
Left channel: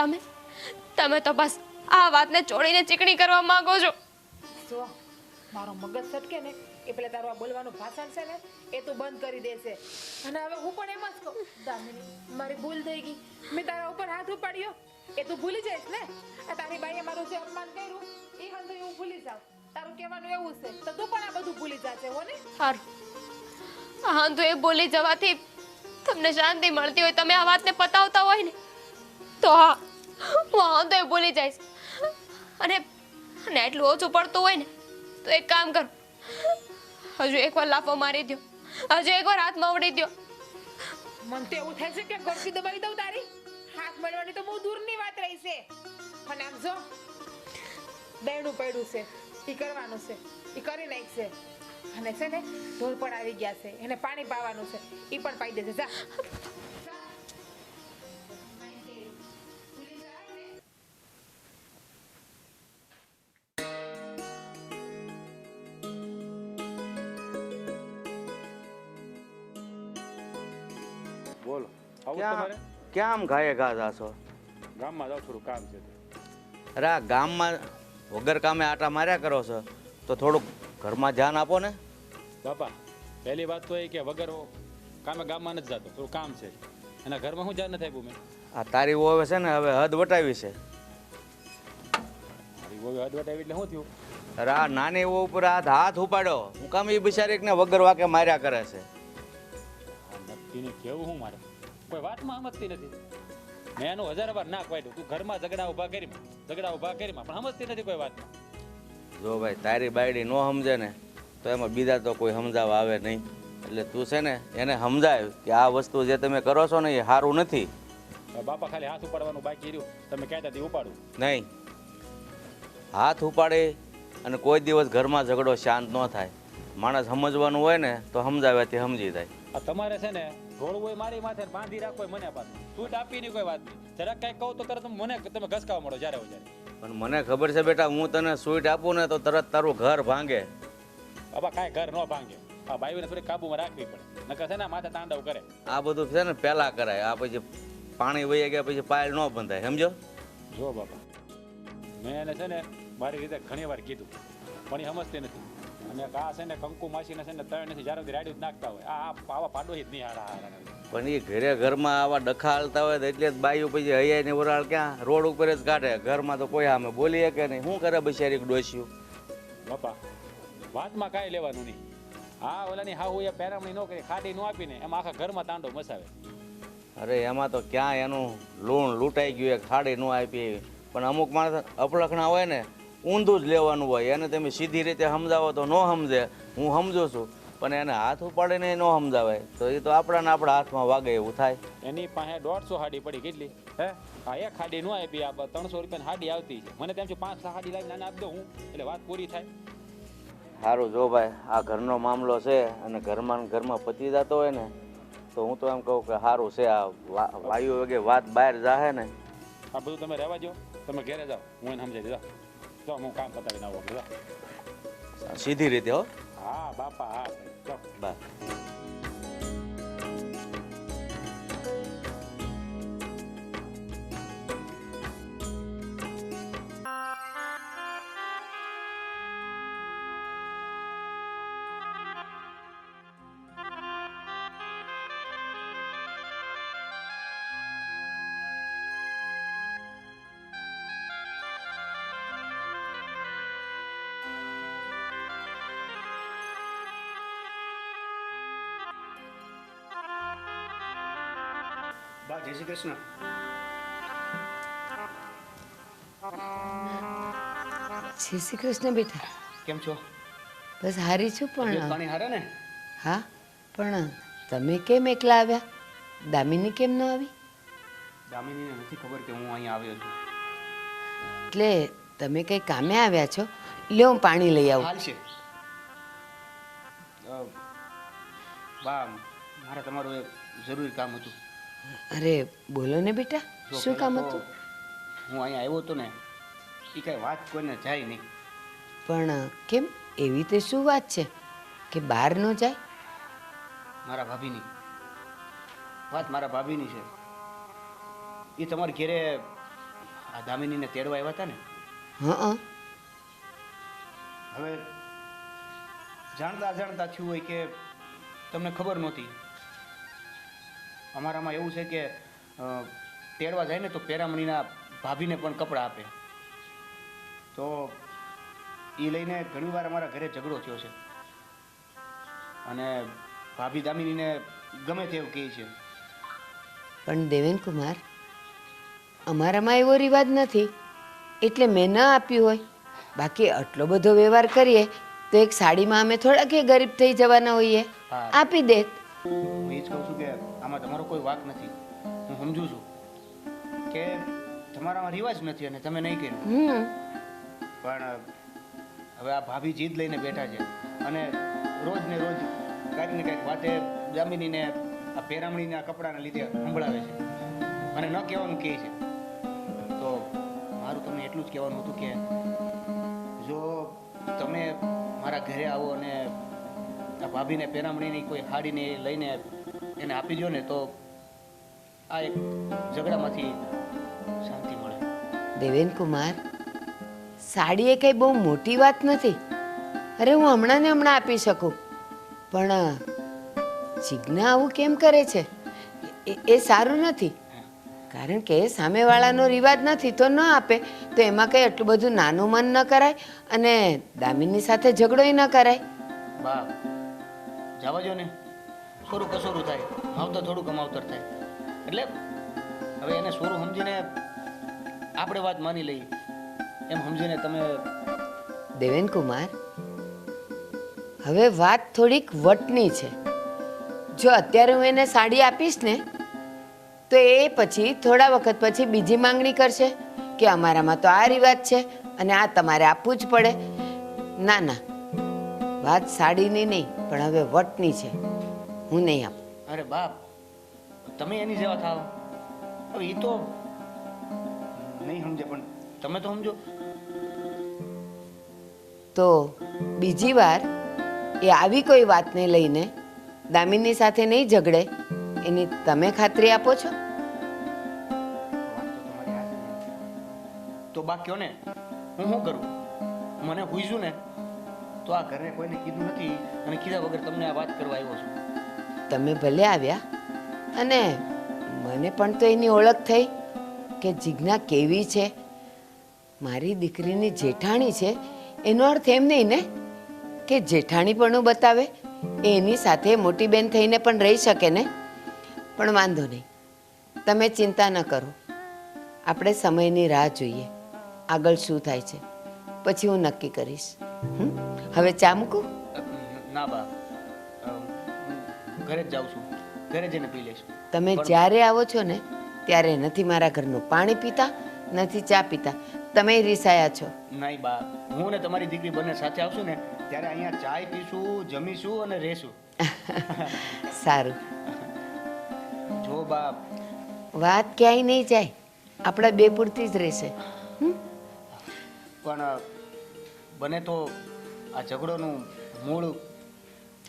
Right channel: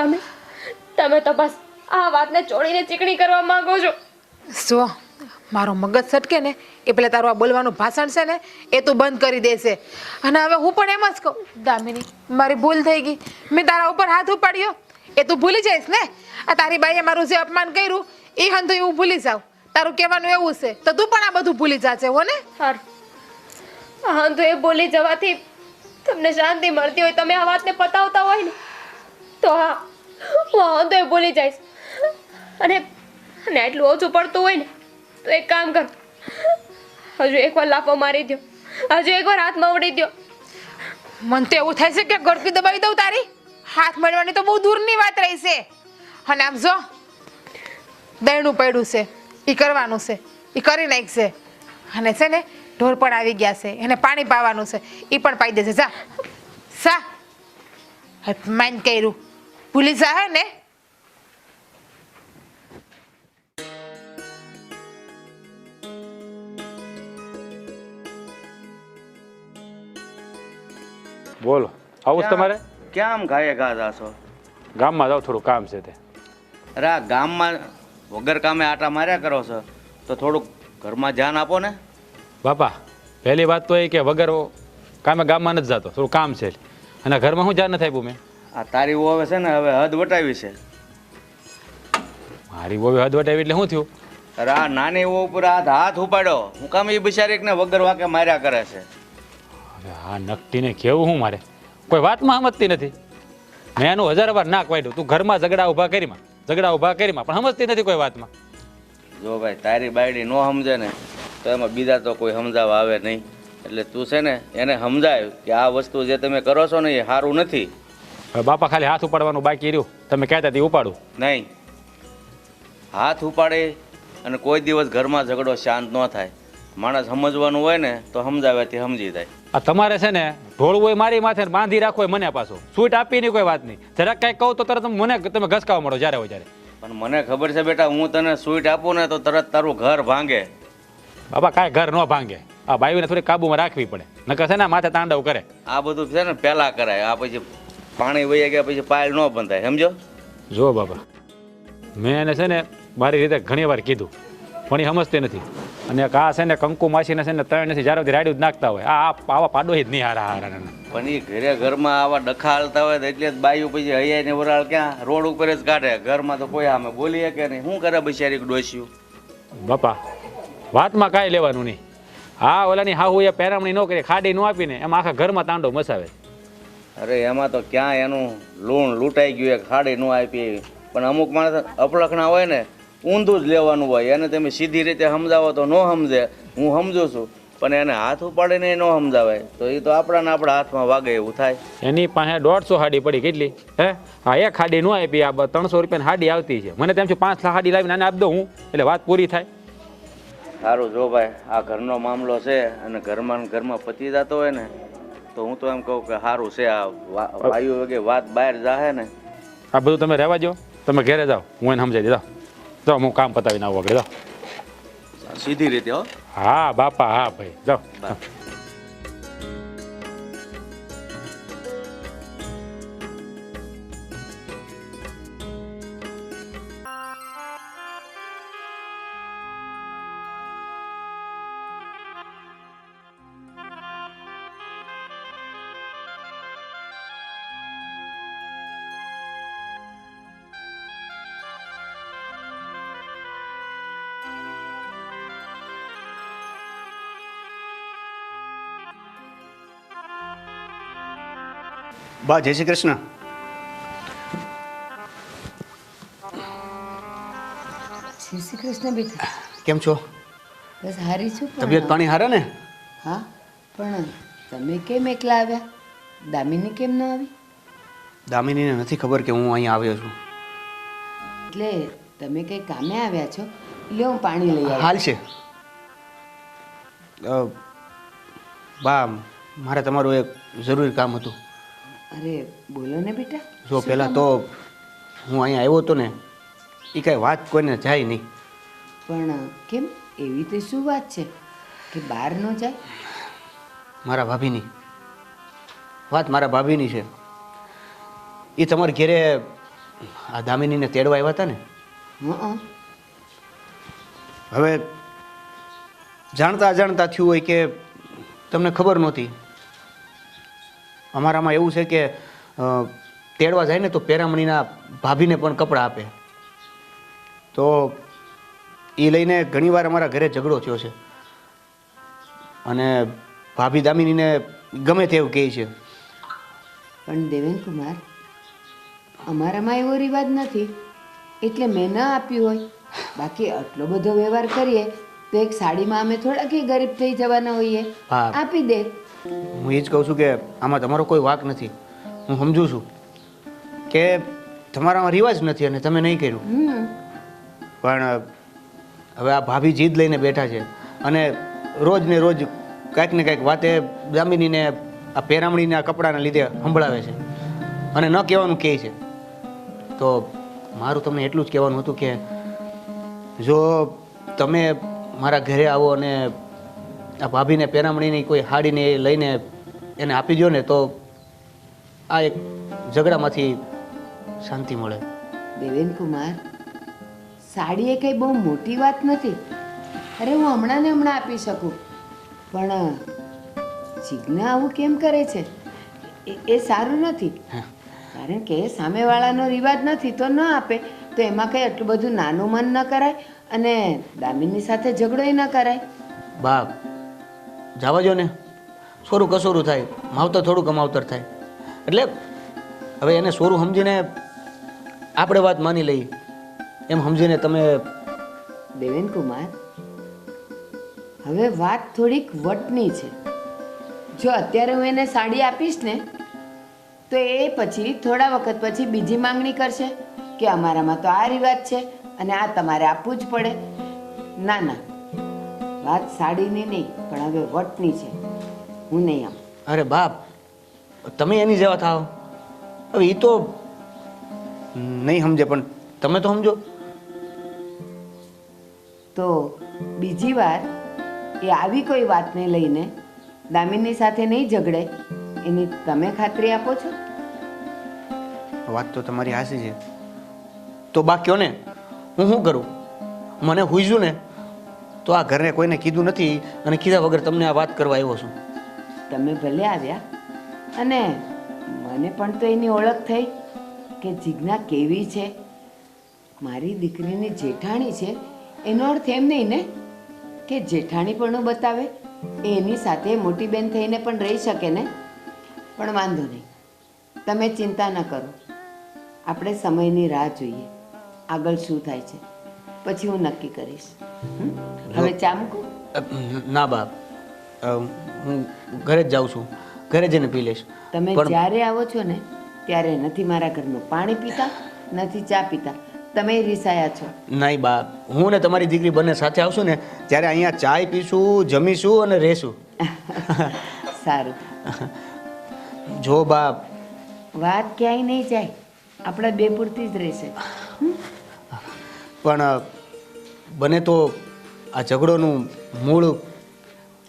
તમે તો બસ આ વાતને છોડીને ચીકણી કરવા માંગો છો. જો મારો મગજ સટકે ને એ પેલા તારું આ બોલવાનું ભાષણ છે ને એ તું બંધ કરી દેશે. અને હવે હું પણ એમ જ કહું દામિની મારી ભૂલ થઈ ગઈ, મેં તારા ઉપર હાથ ઉપાડ્યો એ તું ભૂલી જઈશ ને. આ તારી બાઈએ મારું જે અપમાન કર્યું એ હંધુ એવું ભૂલી જાવ. તારું કહેવાનું એવું છે તો તું પણ આ બધું ભૂલી જાશે હો ને. હા તો એ ભૂલી જવાથી તમને શાંતિ મળતી હોય, તમે આ વાતને પતાવતા હોય ને તો હા હું તો એ ભૂલી જઈશ. અને એટલું ઓછું પડતું હોય ને તો એક કામ કર, હજુ એકવાર લાફો મારી દો, હજુ એકવાર હાથમાં ઉડી દો. મને તો એવું થાય છે કે ગળકી દબાવી દઉં તારી. હાથ મળવાની તો બહુ દૂરની વાત રહી છે. અને આમ જો દયણું પડ્યું છે એ કરવાનું છે એ કરી નાખશે. અને છે ને ઢોર પણ આવી ગયા છે એને પાણી પાવાનું છે એ પણ પાઈ દેશે. જા સા માન કર્યું ભૂલી જા હે ને. બોલો આવું જ તમારે? ક્યાં આમ ઘાયે ઘા જાશો? ગામમાં જાવ, થોડું કામ છે તે. અરે આ ગામમાં વગર કામે આટા માર્યા કરો છો તો થોડુંક ઘરમાં ધ્યાન આપો ને. બાપા પહેલી વાત તો એ કે વગર કામે ગામમાં નથી જતો, થોડું કામ છે અને ઘરમાં હું ધ્યાન નથી આપ્યું મેં. આ તારી વહુ છે ને હવે હદ વટાવી છે. મારી બહુ હદ વટાવી એટલે શું થયું? અરે આ નાની વહુ ઉપર હાથ ઉપાડ્યો, હું કામ એ બિચારીને વગર વાકે માર્યા કરે છે. અરે હા નકટીને કેવું હું મારે કોઈ વાતમાં સમજતી નથી. મેં એનું 1000 વાર નાક વાઢ્યું, તું ઘરમાં ઝઘડા ઊભા કરીમાં પણ સમજતી નથી કોઈ વાતમાં. જો ભાઈ તારી બાયડી નો સમજે ને તો એમાં બીજા તો કોઈ સમજાવવા આવે નહીં. એટલે તું છે ને એને સમજાય કે આ વસ્તુ જે તમે કરો છો ને એ સારું નથી. હવે બાપા ખાલી હાથ ઉપાડવાનું બાકી રહ્યું, તમે કહેતા હતી ઉપાડું નહીં. હાથ ઉપાડે અને કોઈ દિવસ ઘરમાં ઝઘડો શાંત ન થાય. માણસ સમજવાનું હોય ને તો સમજાવ્યાથી સમજી જાય. આ તમારે છે ને ઢોળવું હોય મારી માથે, બાંધી રાખવો હોય મને પાછો, સૂટ આપી નહીં કોઈ વાત નહીં. જરાક કંઈક કહું તો તરત મને તમે ઘસકાવા મળો જ્યારે હોય ત્યારે. પણ મને ખબર છે બેટા, હું તને સ્વીટ આપું ને તો તરત તારું ઘર ભાંગે. બાબા કાંઈ ઘર ન ભાંગે. આ બાયુને થોડી કાબુમાં રાખવી પડે, નકર છે ને માથે તાંડવ કરે. આ બધું છે ને પહેલા કરાય, આ પછી પાણી વહી ગયા પછી પાયલ ન બંધાય, સમજો. જો બાબા મેં એને છે ને મારી રીતે ઘણી વાર કીધું પણ એ સમજતી નથી. અને આ છે ને કંકુ માસીને છે ને તય નથી, જ્યારે સુધી રાડ્યું જ નાખતા હોય. આવા પાડો જ નહીં હારા. પણ એ ઘરમાં આવા ડખા હાલતા હોય તો એટલે જ બાયું પછી હૈયાને વરાળ ક્યાં રોડ ઉપર જ કાઢે. ઘરમાં તો કોઈ આમે બોલીએ કે નહીં. શું કરે બિચારી ડોસ્યું? બાપા વાતમાં કાંઈ લેવાનું નહીં. હા ઓલાની હાહુ એ પહેરામણી ન કરી, ખાડી ન આપીને એમાં આખા ઘરમાં તાંડો મચાવે. અરે એમાં તો ક્યાં એનું લૂણ લૂંટાઈ ગયું, ખાડી ન આપી. પણ અમુક માણસ અપલખણા હોય ને ઊંધું જ લેવાનું હોય. એને તમે સીધી રીતે સમજાવો તો ન સમજે, હું સમજુ છું. પણ એને હાથ ઉપાડીને ન સમજાવે તો એ તો આપણા હાથમાં વાગે એવું થાય. એની પાસે 150 હાડી પડી કેટલી હે હા એક હાડી ન આપી આ 300 રૂપિયાની હાડી આવતી છે મને તેમ છે 5 હાડી લાવીને આને આપી દઉં હું એટલે વાત પૂરી થાય. સારું જો ભાઈ આ ઘરનો મામલો છે અને ઘરમાં પતી જતો હોય ને તો હું તો એમ કહું કે સારું છે આ વાયુ વગે વાત બહાર જાહે ને. આ બધું તમે રહેવા દો તમે ઘરે જાઓ હું એને સમજાવી દીધા જાઓ હું કામ પતાવીને આવું આગળ જાઓ. સીધી રીતે હો. હા બાપા હા ભાઈ જાઓ. બા જય શ્રી કૃષ્ણ. જય શ્રી કૃષ્ણ બેટા. કેમ છો? બસ હારી છું તબિયત પણ પાણી હારા ને? હા પણ તમે કેમ એકલા આવ્યા? દામિની કેમ ના આવી? દામિનીને નથી ખબર કે હું અહીંયા આવ્યો છું. એટલે તમે કઈ કામે આવ્યા છો? લ્યો હું પાણી લઈ આવું. હાલ છે બા મારે તમારું એક જરૂરી કામ હતું. અરે બોલો ને બેટા. જો શું પહેલાં કામ તો હતું? હું અહીંયા આવ્યો હતો ને એ કાંઈ વાત કોઈને જાય નહીં. પણ કેમ એવી તે શું વાત છે કે બહાર ન જાય? મારા ભાભીની વાત મારા ભાભીની છે. એ તમારા ઘેરે આ દામિનીને તેડવા આવ્યા હતા ને. હં હવે જાણતા અજાણતા થયું હોય કે તમને ખબર નહોતી. અમારામાં એવું છે કે તેડવા જાય ને તો પેરામણીના ભાભીને પણ કપડાં આપે. તો એ લઈને ઘણીવાર અમારા ઘરે ઝઘડો થયો છે અને ભાભી દામિનીને ગમે તેવું કહે છે. પણ દેવેન કુમાર અમારામાં એવો રિવાજ નથી એટલે મેં ન આપ્યું હોય. બાકી આટલો બધો વ્યવહાર કરીએ તો એક સાડીમાં અમે થોડા કે ગરીબ થઈ જવાના હોઈએ. હા. આપી દે. હું એ જ કહું છું કે આમાં તમારો કોઈ વાંક નથી. હું સમજુ છું કે તમારામાં રિવાજ નથી અને તમે નહીં કર્યું. પણ હવે આ ભાભી જીદ લઈને બેઠા છે અને રોજ ને રોજ કાંઈક ને કાંઈક વાતે દામિનીને આ પેરામણીના કપડાના લીધે સંભળાવે છે અને ન કહેવાનું કહે છે. તો મારું તમને એટલું જ કહેવાનું હતું કે જો તમે મારા ઘરે આવો અને આ ભાભીને પેરામણીની કોઈ હાડીને લઈને એને આપી દો ને તો આ એક ઝઘડામાંથી શાંતિ મળે. દેવેન કુમાર સાડી એ કઈ બહુ મોટી વાત નથી. અરે હું હમણાં ને હમણાં આપી શકું પણ જીજ્ઞા આવું કેમ કરે છે એ સારું નથી. કારણ કે સામેવાળાનો રિવાજ નથી તો ન આપે તો એમાં કંઈ આટલું બધું નાનું મન ન કરાય અને દામિની સાથે ઝઘડોય ન કરાય. બા જવા જો ને સોરું કસોરું થાય માવતર થોડું કમાવતર થાય એટલે હવે એને સોરું સમજીને આપણે વાત માની લઈએ એમ સમજીને તમે. દેવેન કુમાર હવે વાત થોડીક વટની છે. જો અત્યારે હું એને સાડી આપીશ ને તો એ પછી થોડા વખત પછી બીજી માંગણી કરશે કે અમારામાં તો આ રિવાજ છે અને આ તમારે આપવું જ પડે. ના ના વાત સાડીની નહીં પણ હવે વટની છે. હું નહીં આપું. અરે બાપ તમે એની જેવા થાવ. હવે એ તો નહીં સમજે પણ તમે તો સમજો. તો બીજી વાર એ આવી કોઈ વાતને લઈને દામિની સાથે નહીં ઝઘડે એની તમે ખાતરી આપો છો? વાત તો તમારી હાસી છે. તો બા કયો ને હું શું કરું? મને હુઈજું ને તો આ ઘરને કોઈને કીધું નથી અને કીધા વગર તમને આ વાત કરવા આવ્યો છું. તમે ભલે આવ્યા અને મને પણ તો એની ઓળખ થઈ કે જીજ્ઞા કેવી છે. મારી દીકરીની જેઠાણી છે એનો અર્થ એમ નહીં ને કે જેઠાણી પણ બતાવે એની સાથે મોટી બેન થઈને પણ રહી શકે ને. પણ વાંધો નહીં તમે ચિંતા ન કરો. આપણે સમયની રાહ જોઈએ આગળ શું થાય છે પછી હું નક્કી કરીશ. હવે ચા મૂકું? ના બાપ હું ઘરે જ જાઉં છું, ઘરે જઈને પી લઈશ. તમે પણ- જ્યારે આવો છો ને ત્યારે નથી મારા ઘરનું પાણી પીતા, નથી ચા પીતા. તમે રીસાયા છો. નહીં બા, હું ને તમારી દીકરી બંને સાથે આવશું ને ત્યારે અહીંયા ચાય પીશું, જમીશું અને રહેશું. સારું, જો બા, વાત ક્યાંય નહીં જાય, આપણા બે પૂરતી જ રહેશે. પણ બને તો આ ઝઘડોનું મૂળ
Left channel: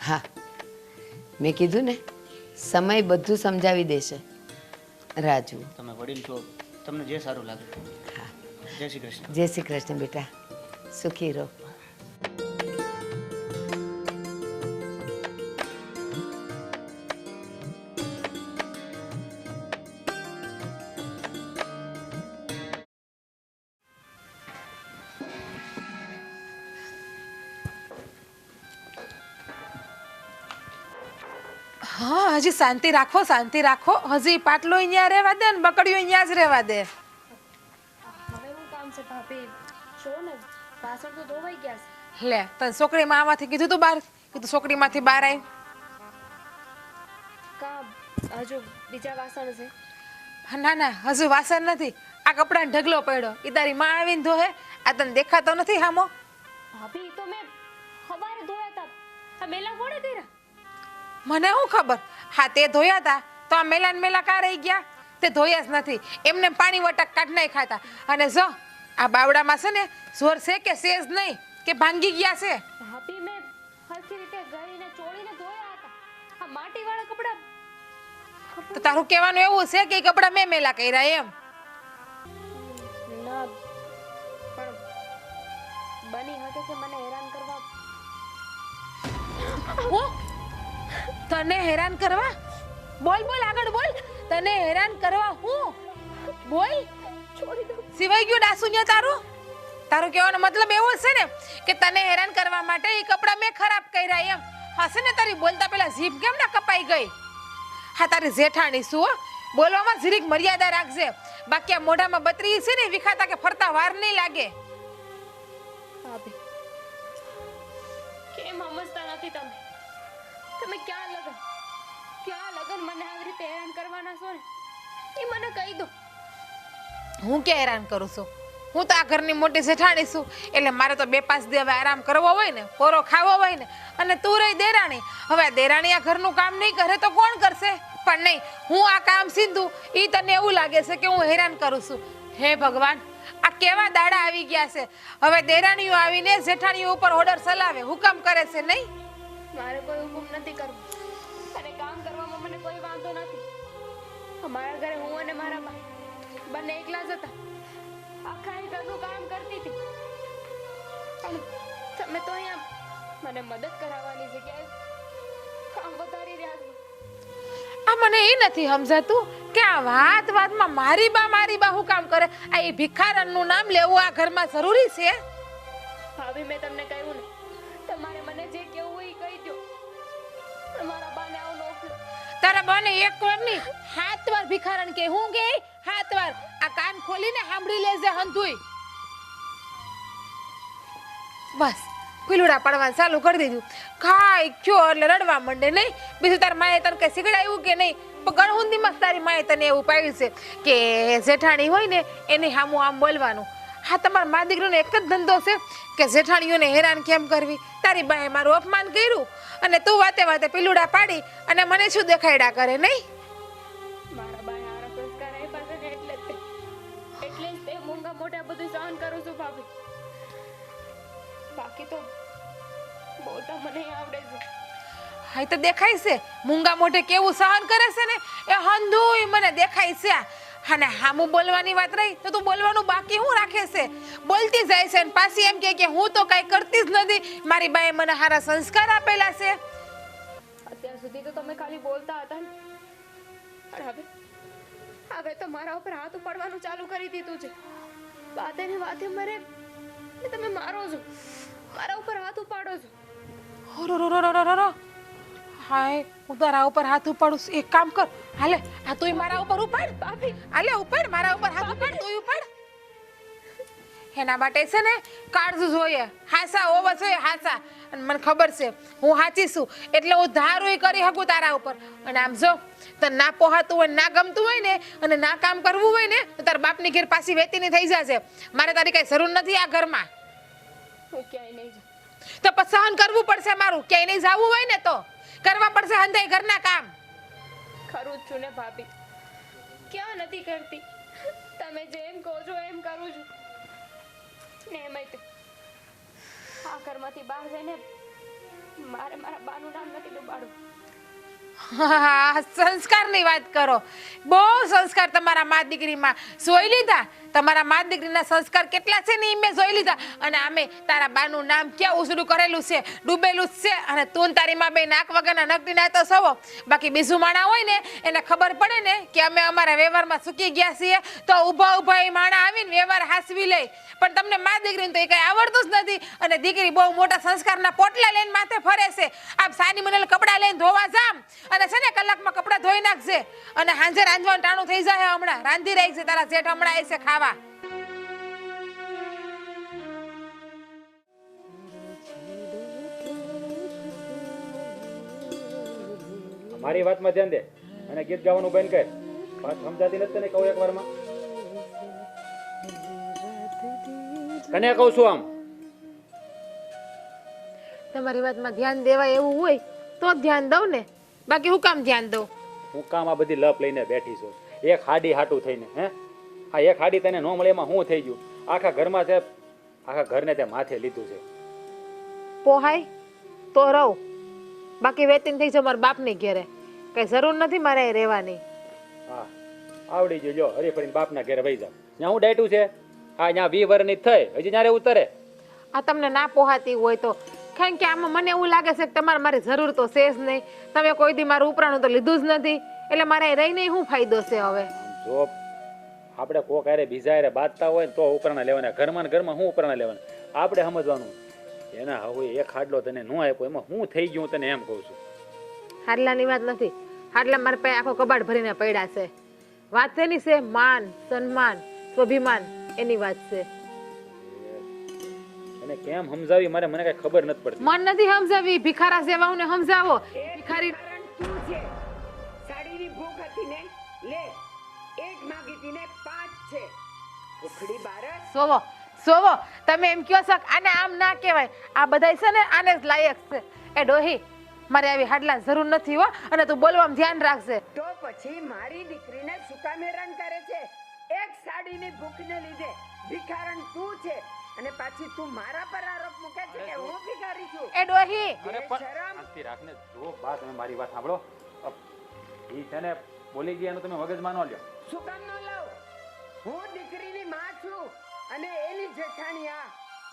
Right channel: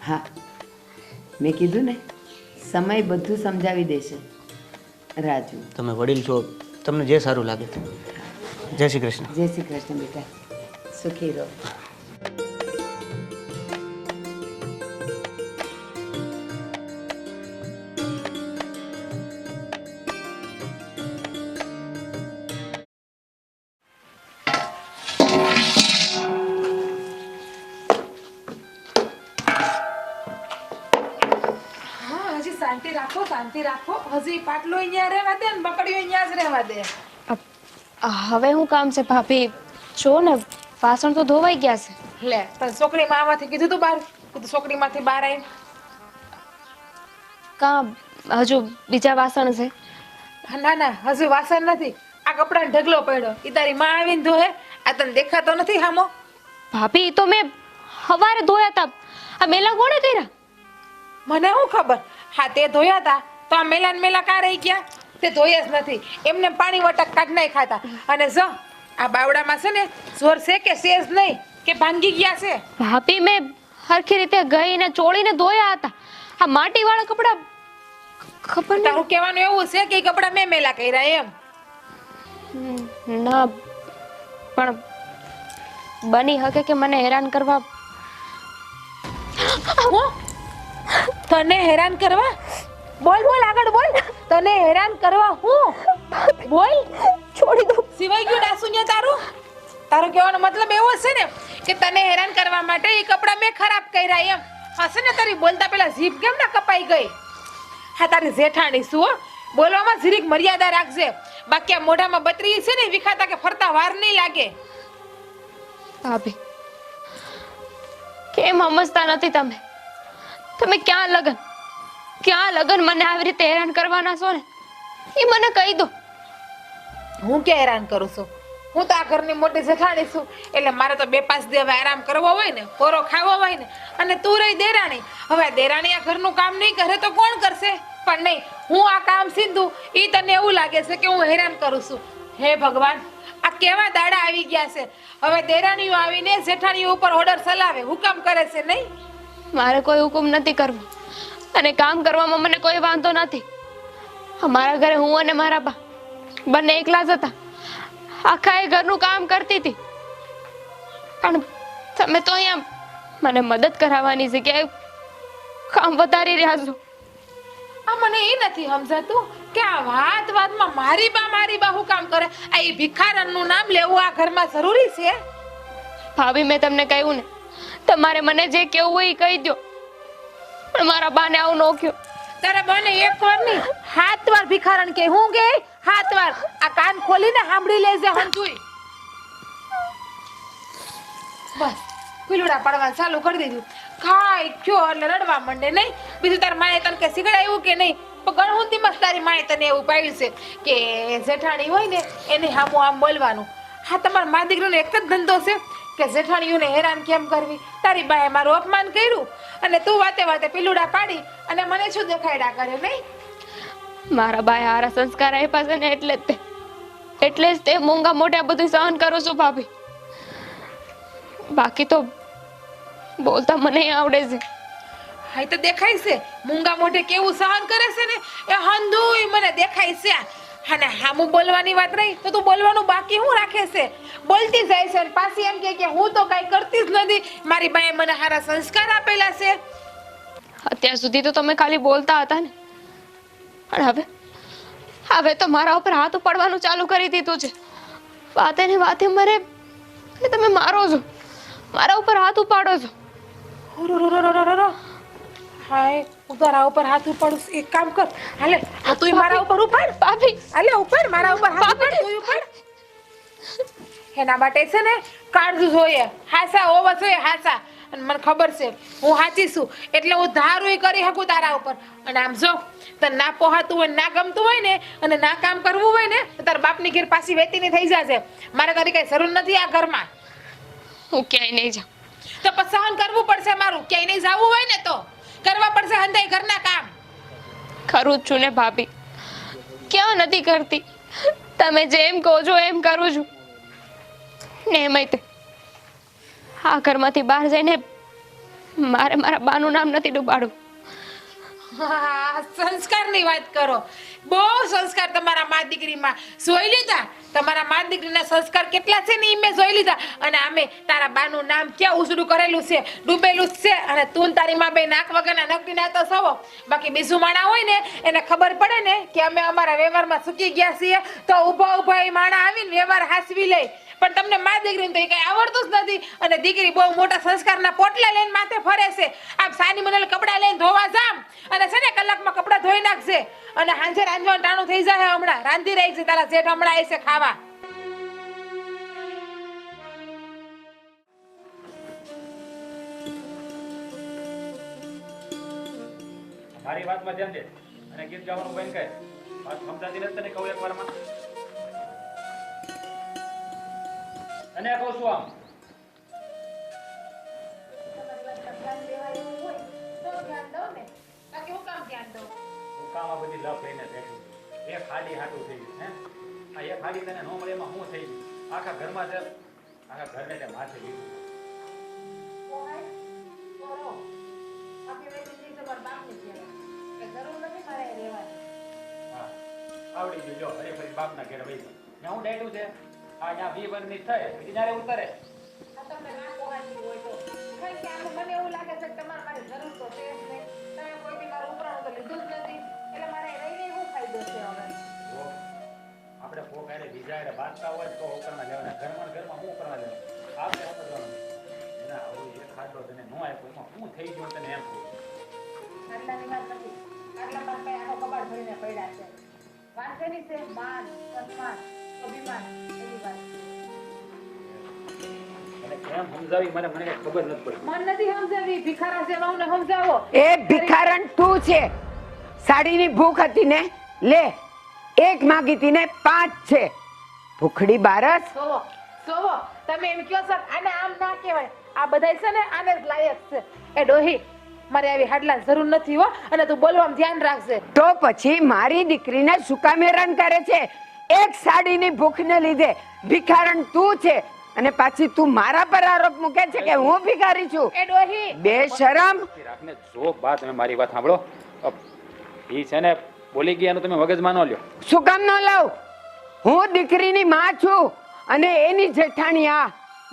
હા, મેં કીધું ને, સમય બધું સમજાવી દેશે. રાજુ, તમે વડીલ છો, તમને જે સારું લાગે. જય શ્રી કૃષ્ણ. જય શ્રી કૃષ્ણ બેટા, સુખી રહો. હા, હજી શાંતિ રાખો, શાંતિ રાખો. હજી પાટલો અહીંયા રહેવા દે ને બકડીઓ અહીંયા જ રહેવા દે. હવે હું કામ છે ભાભી? જો ને વાસણ તો ધોવાઈ ગયા છે. લે, તને છોકરીમાં આમાંથી કીધું તું બહાર, કીધું છોકરીમાંથી બહાર આય. કામ હજુ બીજા વાસણ છે. ના ના, હજી વાસણ નથી. આ કપડાં ઢગલો પડ્યો. ઈ તારી માં આવીને ધોહે. આ તને દેખાતો નથી હામો? ભાભી તો મેં સવારે ધોયા હતા. આ મેલા કોણે કર્યા? મને શું ખબર? હા, તે ધોયા હતા તો આ મેલા ને મેલા કા રહી ગયા? તે ધોયા જ નથી, એમને પાણી વટક કાઢ નાઈ ખાતા. અને જો આ બાવડામાં છે ને જોર છે કે સેજ નહીં કે ભાંગી ગયા છે? ભાભી મેં હરખી રીતે ગઈને ચોળીને ધોયા હતા. આ માટીવાળા કપડા ખબર નહીં. તારું કહેવાનું એવું છે કે ઈ કપડાં મેં મેલા કર્યા એમ? ના, પણ બની શકે કે મને હેરાન કરવા. હું તને હેરાન કરવા? બોલ બોલ, આગળ બોલ. તને હેરાન કરવા હું? બોલ. છોડી દો. સિવાય ગયું ડાસુનિયા તારું? તારું કહેવાનો મતલબ એવો છે ને કે તને હેરાન કરવા માટે એ કપડાં મેં ખરાબ કર્યા એમ? હશે ને તારી બોલતા પેલા જીભ કેમ ના કપાઈ ગઈ? હા, તારી જેઠાણી શું હો? બોલવામાં જરીક મર્યાદા રાખજે, બાકી આ મોઢામાં બત્રી છે ને વિખાતા કે ફરતા વાર નહીં લાગે. ભાભી કેમ સમજતા નથી તમે? તમે ક્યાં લગન મને આવી રીતે હેરાન કરવાના છો ને એ મને કહી દો. હું ક્યાં હેરાન કરું છું? હું તો આ ઘરની મોટી જેઠાણી છું, એટલે મારે તો 2-5 દિવસ આરામ કરવો હોય ને, ફોરો ખાવો હોય ને. અને તું રહી દેરાણી. હવે આ દેરાણી આ ઘરનું કામ નહીં કરે તો કોણ કરશે? પણ નહીં, હું આ કામ સીધું. ઈ તને એવું લાગે છે કે હું હેરાન કરું છું? હે ભગવાન, આ કેવા દાડા આવી ગયા છે! હવે દેરાણીઓ આવીને જેઠાણીઓ ઉપર ઓર્ડર ચલાવે, હુકમ કરે છે નહીં? મારે કોઈ હુકમ નથી કરવો અને કામ કરવામાં મને કોઈ વાંધો નથી. અમારા ઘરે હું અને મારા બા બંને એકલા જ હતા. આખા એ ઘરનું કામ કરતી હતી. પણ તમે તો અહીંયા મને મદદ કરાવવાની જગ્યાએ કામ વધારી રહ્યા છો. આ મને એ નથી સમજાતું કે આ વાતમાં મારી બા હું કામ કરે? આ એ ભિખારણનું નામ લેવું આ ઘરમાં જરૂરી છે? ભાભી, મેં તમને કહ્યું ને, તમારે મને જે કહેવું હોય એ કહી દો. પણ મારા બાને આવું ન કહ્યું. તારે મને એક વાર નહીં 7 વાર ભિખારણ કે હું કે 7 વાર. આ કાન ખોલીને સાંભળી લેજે હંધુય. બસ ઉલડા પડવાનું ચાલુ કરી દીધું. ખાઈ ક્યો એટલે રડવા માંડે નહીં? બીજું તાર માએ તને કે શીખડાયું કે નહીં? પણ ગણહુંદીમાં તારી માએ તને એવું પાડ્યું છે કે જેઠાણી હોય ને એની સામું આમ બોલવાનું. હા, તમારા મા દીકરીનો એક જ ધંધો છે કે જેઠાણીઓને હેરાન કેમ કરવી. તારી બાએ મારું અપમાન કર્યું અને તું વાતે પીલુડા પાડી અને મને શું દેખાડ્યા કરે નહીં? મારા બાએ હારા સંસ્કાર આપ્યા છે ને એટલે જ તે મોંઘા મોટા બધું સહન કરું છું ભાભી. બાકી તો બોલતા મને આવડે છે. હા, તો દેખાય છે મૂંગા મોઢે કેવું સહન કરે છે ને એ હંધુય મને દેખાય છે. અને હામું બોલવાની વાત રહી તો તું બોલવાનું બાકી હું રાખે છે? બોલતી જાય છે અને પાછી એમ કે હું તો કઈ કરતી જ નથી, મારી બાએ મને હારા સંસ્કાર આપેલા છે. અત્યાર સુધી તો તમે ખાલી બોલતા હતા ને, પણ હવે તો મારા ઉપર હાથ ઉપાડવાનું ચાલુ કરી દીધું છે. વાતે ને વાતે મને તમે મારો છો, મારા ઉપર હાથ ઉપાડો છો. હાય, હું તારા ઉપર હાથ ઉપાડું છું. એક કામ કર, હાલે તું મારા ઉપર ઉપાડ. ભાભી, હાલે ઉપર મારા ઉપર હાથ ઉપાડ. તું ઉપાડ. એના માટે છે ને કાળજું જોઈએ, હાસા હોવા જોઈએ, હાસા. અને મને ખબર છે હું સાચી છું એટલે હું ધારું કરી શકું તારા ઉપર. અને આમ જો તને ના પોહાતું હોય ના ગમતું હોય ને અને ના કામ કરવું હોય ને તો તારા બાપની ઘેર પાછી વેતીની થઈ જશે. મારે તારી કઈ જરૂર નથી આ ઘરમાં. હું ક્યાંય નહીં જાઉં. તો પછી સહન કરવું પડશે મારું. ક્યાંય નહીં જવું હોય ને તો કરવા પડશે હંધાઈ ઘરના કામ. કરું જ છું ને ભાભી, ક્યાં નથી કરતી. તમે જેમ કહો છો એમ કરું છું ને. એમાંય તે આ ઘરમાંથી બહાર જઈને મારે મારા બાનું નામ નથી ડૂબાડવું. હા, સંસ્કારની વાત કરો. બહુ સંસ્કાર તમારા મા દીકરીમાં જોઈ લીધા. તમારા મા દીકરીના સંસ્કાર કેટલા છે ને એ મેં જોઈ લીધા. અને અમે તારા બાનું નામ ક્યાં ઉસડું કરેલું છે, ડૂબેલું જ છે. અને તું ને તારી માં બે નાક વગરના નકદી ના તો સવો. બાકી બીજું માણા હોય ને એને ખબર પડે ને કે અમે અમારા વ્યવહારમાં ચૂકી ગયા છીએ તો ઊભા ઊભા એ માણા આવીને વ્યવહાર હાસવી લે. પણ તમને મા દીકરીને તો એ કઈ આવડતું જ નથી. અને દીકરી બહુ મોટા સંસ્કારના પોટલા લઈને માથે ફરે છે. આમ સાની મને કપડા લઈને ધોવા જામ અને છે ને કલાકમાં કપડા ધોઈ નાખશે. અને હાજે રાંધવાનું ટાણું થઈ જાય. હમણાં રાંધી રહી છે તારા જેઠ હમણાં આવી છે ખાવા. મારી વાતમાં ધ્યાન દે અને ગીત ગાવાનું બંધ કર. વાત સમજાતી નથી તને કહું એક વારમાં. કને કહું છું આમ. તમારી વાતમાં ધ્યાન દેવાય એવું હોય તો જ ધ્યાન દઉં ને. બાકી હું કામ ધ્યાન દઉં? હું કામ આ બધી લપ લઈને બેઠી છું. એક હાડી હાટું થઈને હે આ એક હાડી તને ન મળે એમાં શું થઈ ગયું? આખા ઘરમાં છે, આખા ઘરને તે માથે લીધું છે. પોહાય તો રહું. બાકી વેતીન થઈ છે મારા બાપની ઘેરે. કઈ જરૂર નથી મારે અહીં રહેવાની. હા આવડી ગયું. જો હરી ફરી બાપના ઘેરે વહી જા. ત્યાં હું ડેટું છે આ ત્યાં 20 વર્ષની થઈ હજી જ્યારે ઉતરે. આ તમને ના પોહાતી હોય તો કારણ કે આમાં મને એવું લાગે છે કે તમારે મારી જરૂર તો છે જ નહીં. તમે કોઈ દી મારું ઉપરાણું તો લીધું જ નથી. એટલે મારે અહીં રહીને શું ફાયદો છે હવે? જો આપણે કોક હારે બીજા હારે બાંધતા હોય તો ઉપરાણા લેવાના. ઘરમાં ને ઘરમાં શું ઉપરાણા લેવાના? આપણે સમજવાનું એના હવે એક હાડલો તને ન આપ્યો એમાં શું થઈ ગયું તને એમ કહું છું. હાડલાની વાત નથી. હાડલા મારા પાસે આખો કબાટ ભરીને પડ્યા છે. વાત શેની છે? માન, સન્માન, સ્વાભિમાન એની વાત છે. અને કેમ સમજાવી મને કઈ ખબર નથી પડતી. મન નથી સમજાવી. ભિખારા સેવાઓને સમજાવો. એ ભિખારણ તું છે. સાડીની ભૂખ હતી ને લે એક માંગી હતી ને 5 છે. ભૂખડી બારસ. સોવો સોવો તમે એમ કહો છો આને આમ ના કહેવાય. આ બધાય છે ને આને જ લાયક છે. એ ડોહી મારે આવી હાડલા જરૂર નથી હો. અને તું બોલવામાં ધ્યાન રાખજે. તો પછી મારી દીકરીને શું કામ હેરાન કરે છે? એક સાડીની ભૂખને લીધે ભિખારણ તું છે અને પાછી તું મારા પર આરોપ મૂકે છે કે હું ભિખારી છું. એ ડોહી બેશરમ. રાખને જો બા તમે મારી વાત સાંભળો. ઈ છે ને બોલી ગયા એનું તમે મગજમાં ન લ્યો. શું કામ ન લઉં? હું દીકરીની માં છું અને એની જેઠાણી આ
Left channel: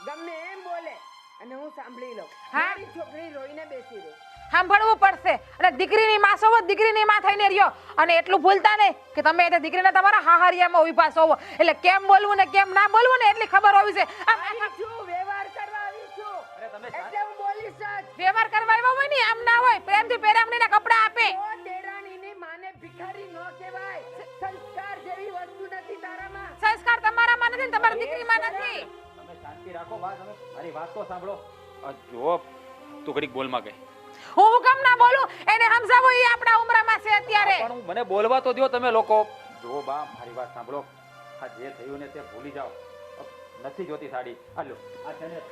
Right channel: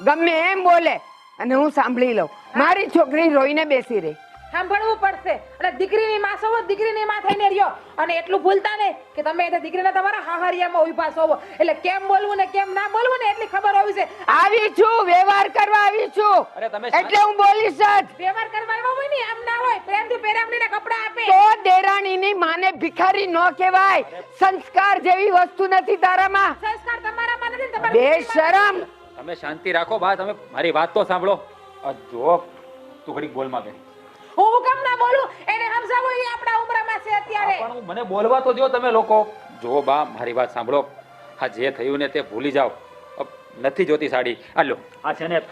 ગમે એમ બોલે અને હું સાંભળી લઉં. મારી છોકરી રોઈને બેસી રહી. સાંભળવું પડશે. અને દીકરીની માં છો દીકરીની માં થઈને રહ્યો. અને એટલું ભૂલતા ને કે તમે એટલે દીકરીને તમારા હાહરિયામાં ઉભા છો. એટલે કેમ બોલવું ને કેમ ના બોલવું ને એટલી ખબર હોવી છે. આવી છું, વ્યવહાર કરવા આવી છું. અરે તમે એટલે હું બોલીશ જ. વ્યવહાર કરવા આવ્યા હોય ને આમ ના હોય. પ્રેમથી પેરામણીના કપડા આપે. તો દેરાણીની માને ભિખારી ન કહેવાય. સંસ્કાર જેવી વસ્તુ નથી તારામાં. સંસ્કાર તમારામાં નથી ને તમારી દીકરીમાં બેશરમ. નથી. તમે શાંતિ રાખો બા. તમે મારી વાત તો સાંભળો. જો તું ઘડીક બોલમાં ગઈ. હું કેમ ના બોલું? એને સમજાવો. એ આપણા ઉમરામાં છે અત્યારે. પણ મને બોલવા તો દો તમે લોકો. જો બા મારી વાત સાંભળો. આ જે થયું ને તે ભૂલી જાઓ. નથી જોતી સાડી. આ લો આ છે ને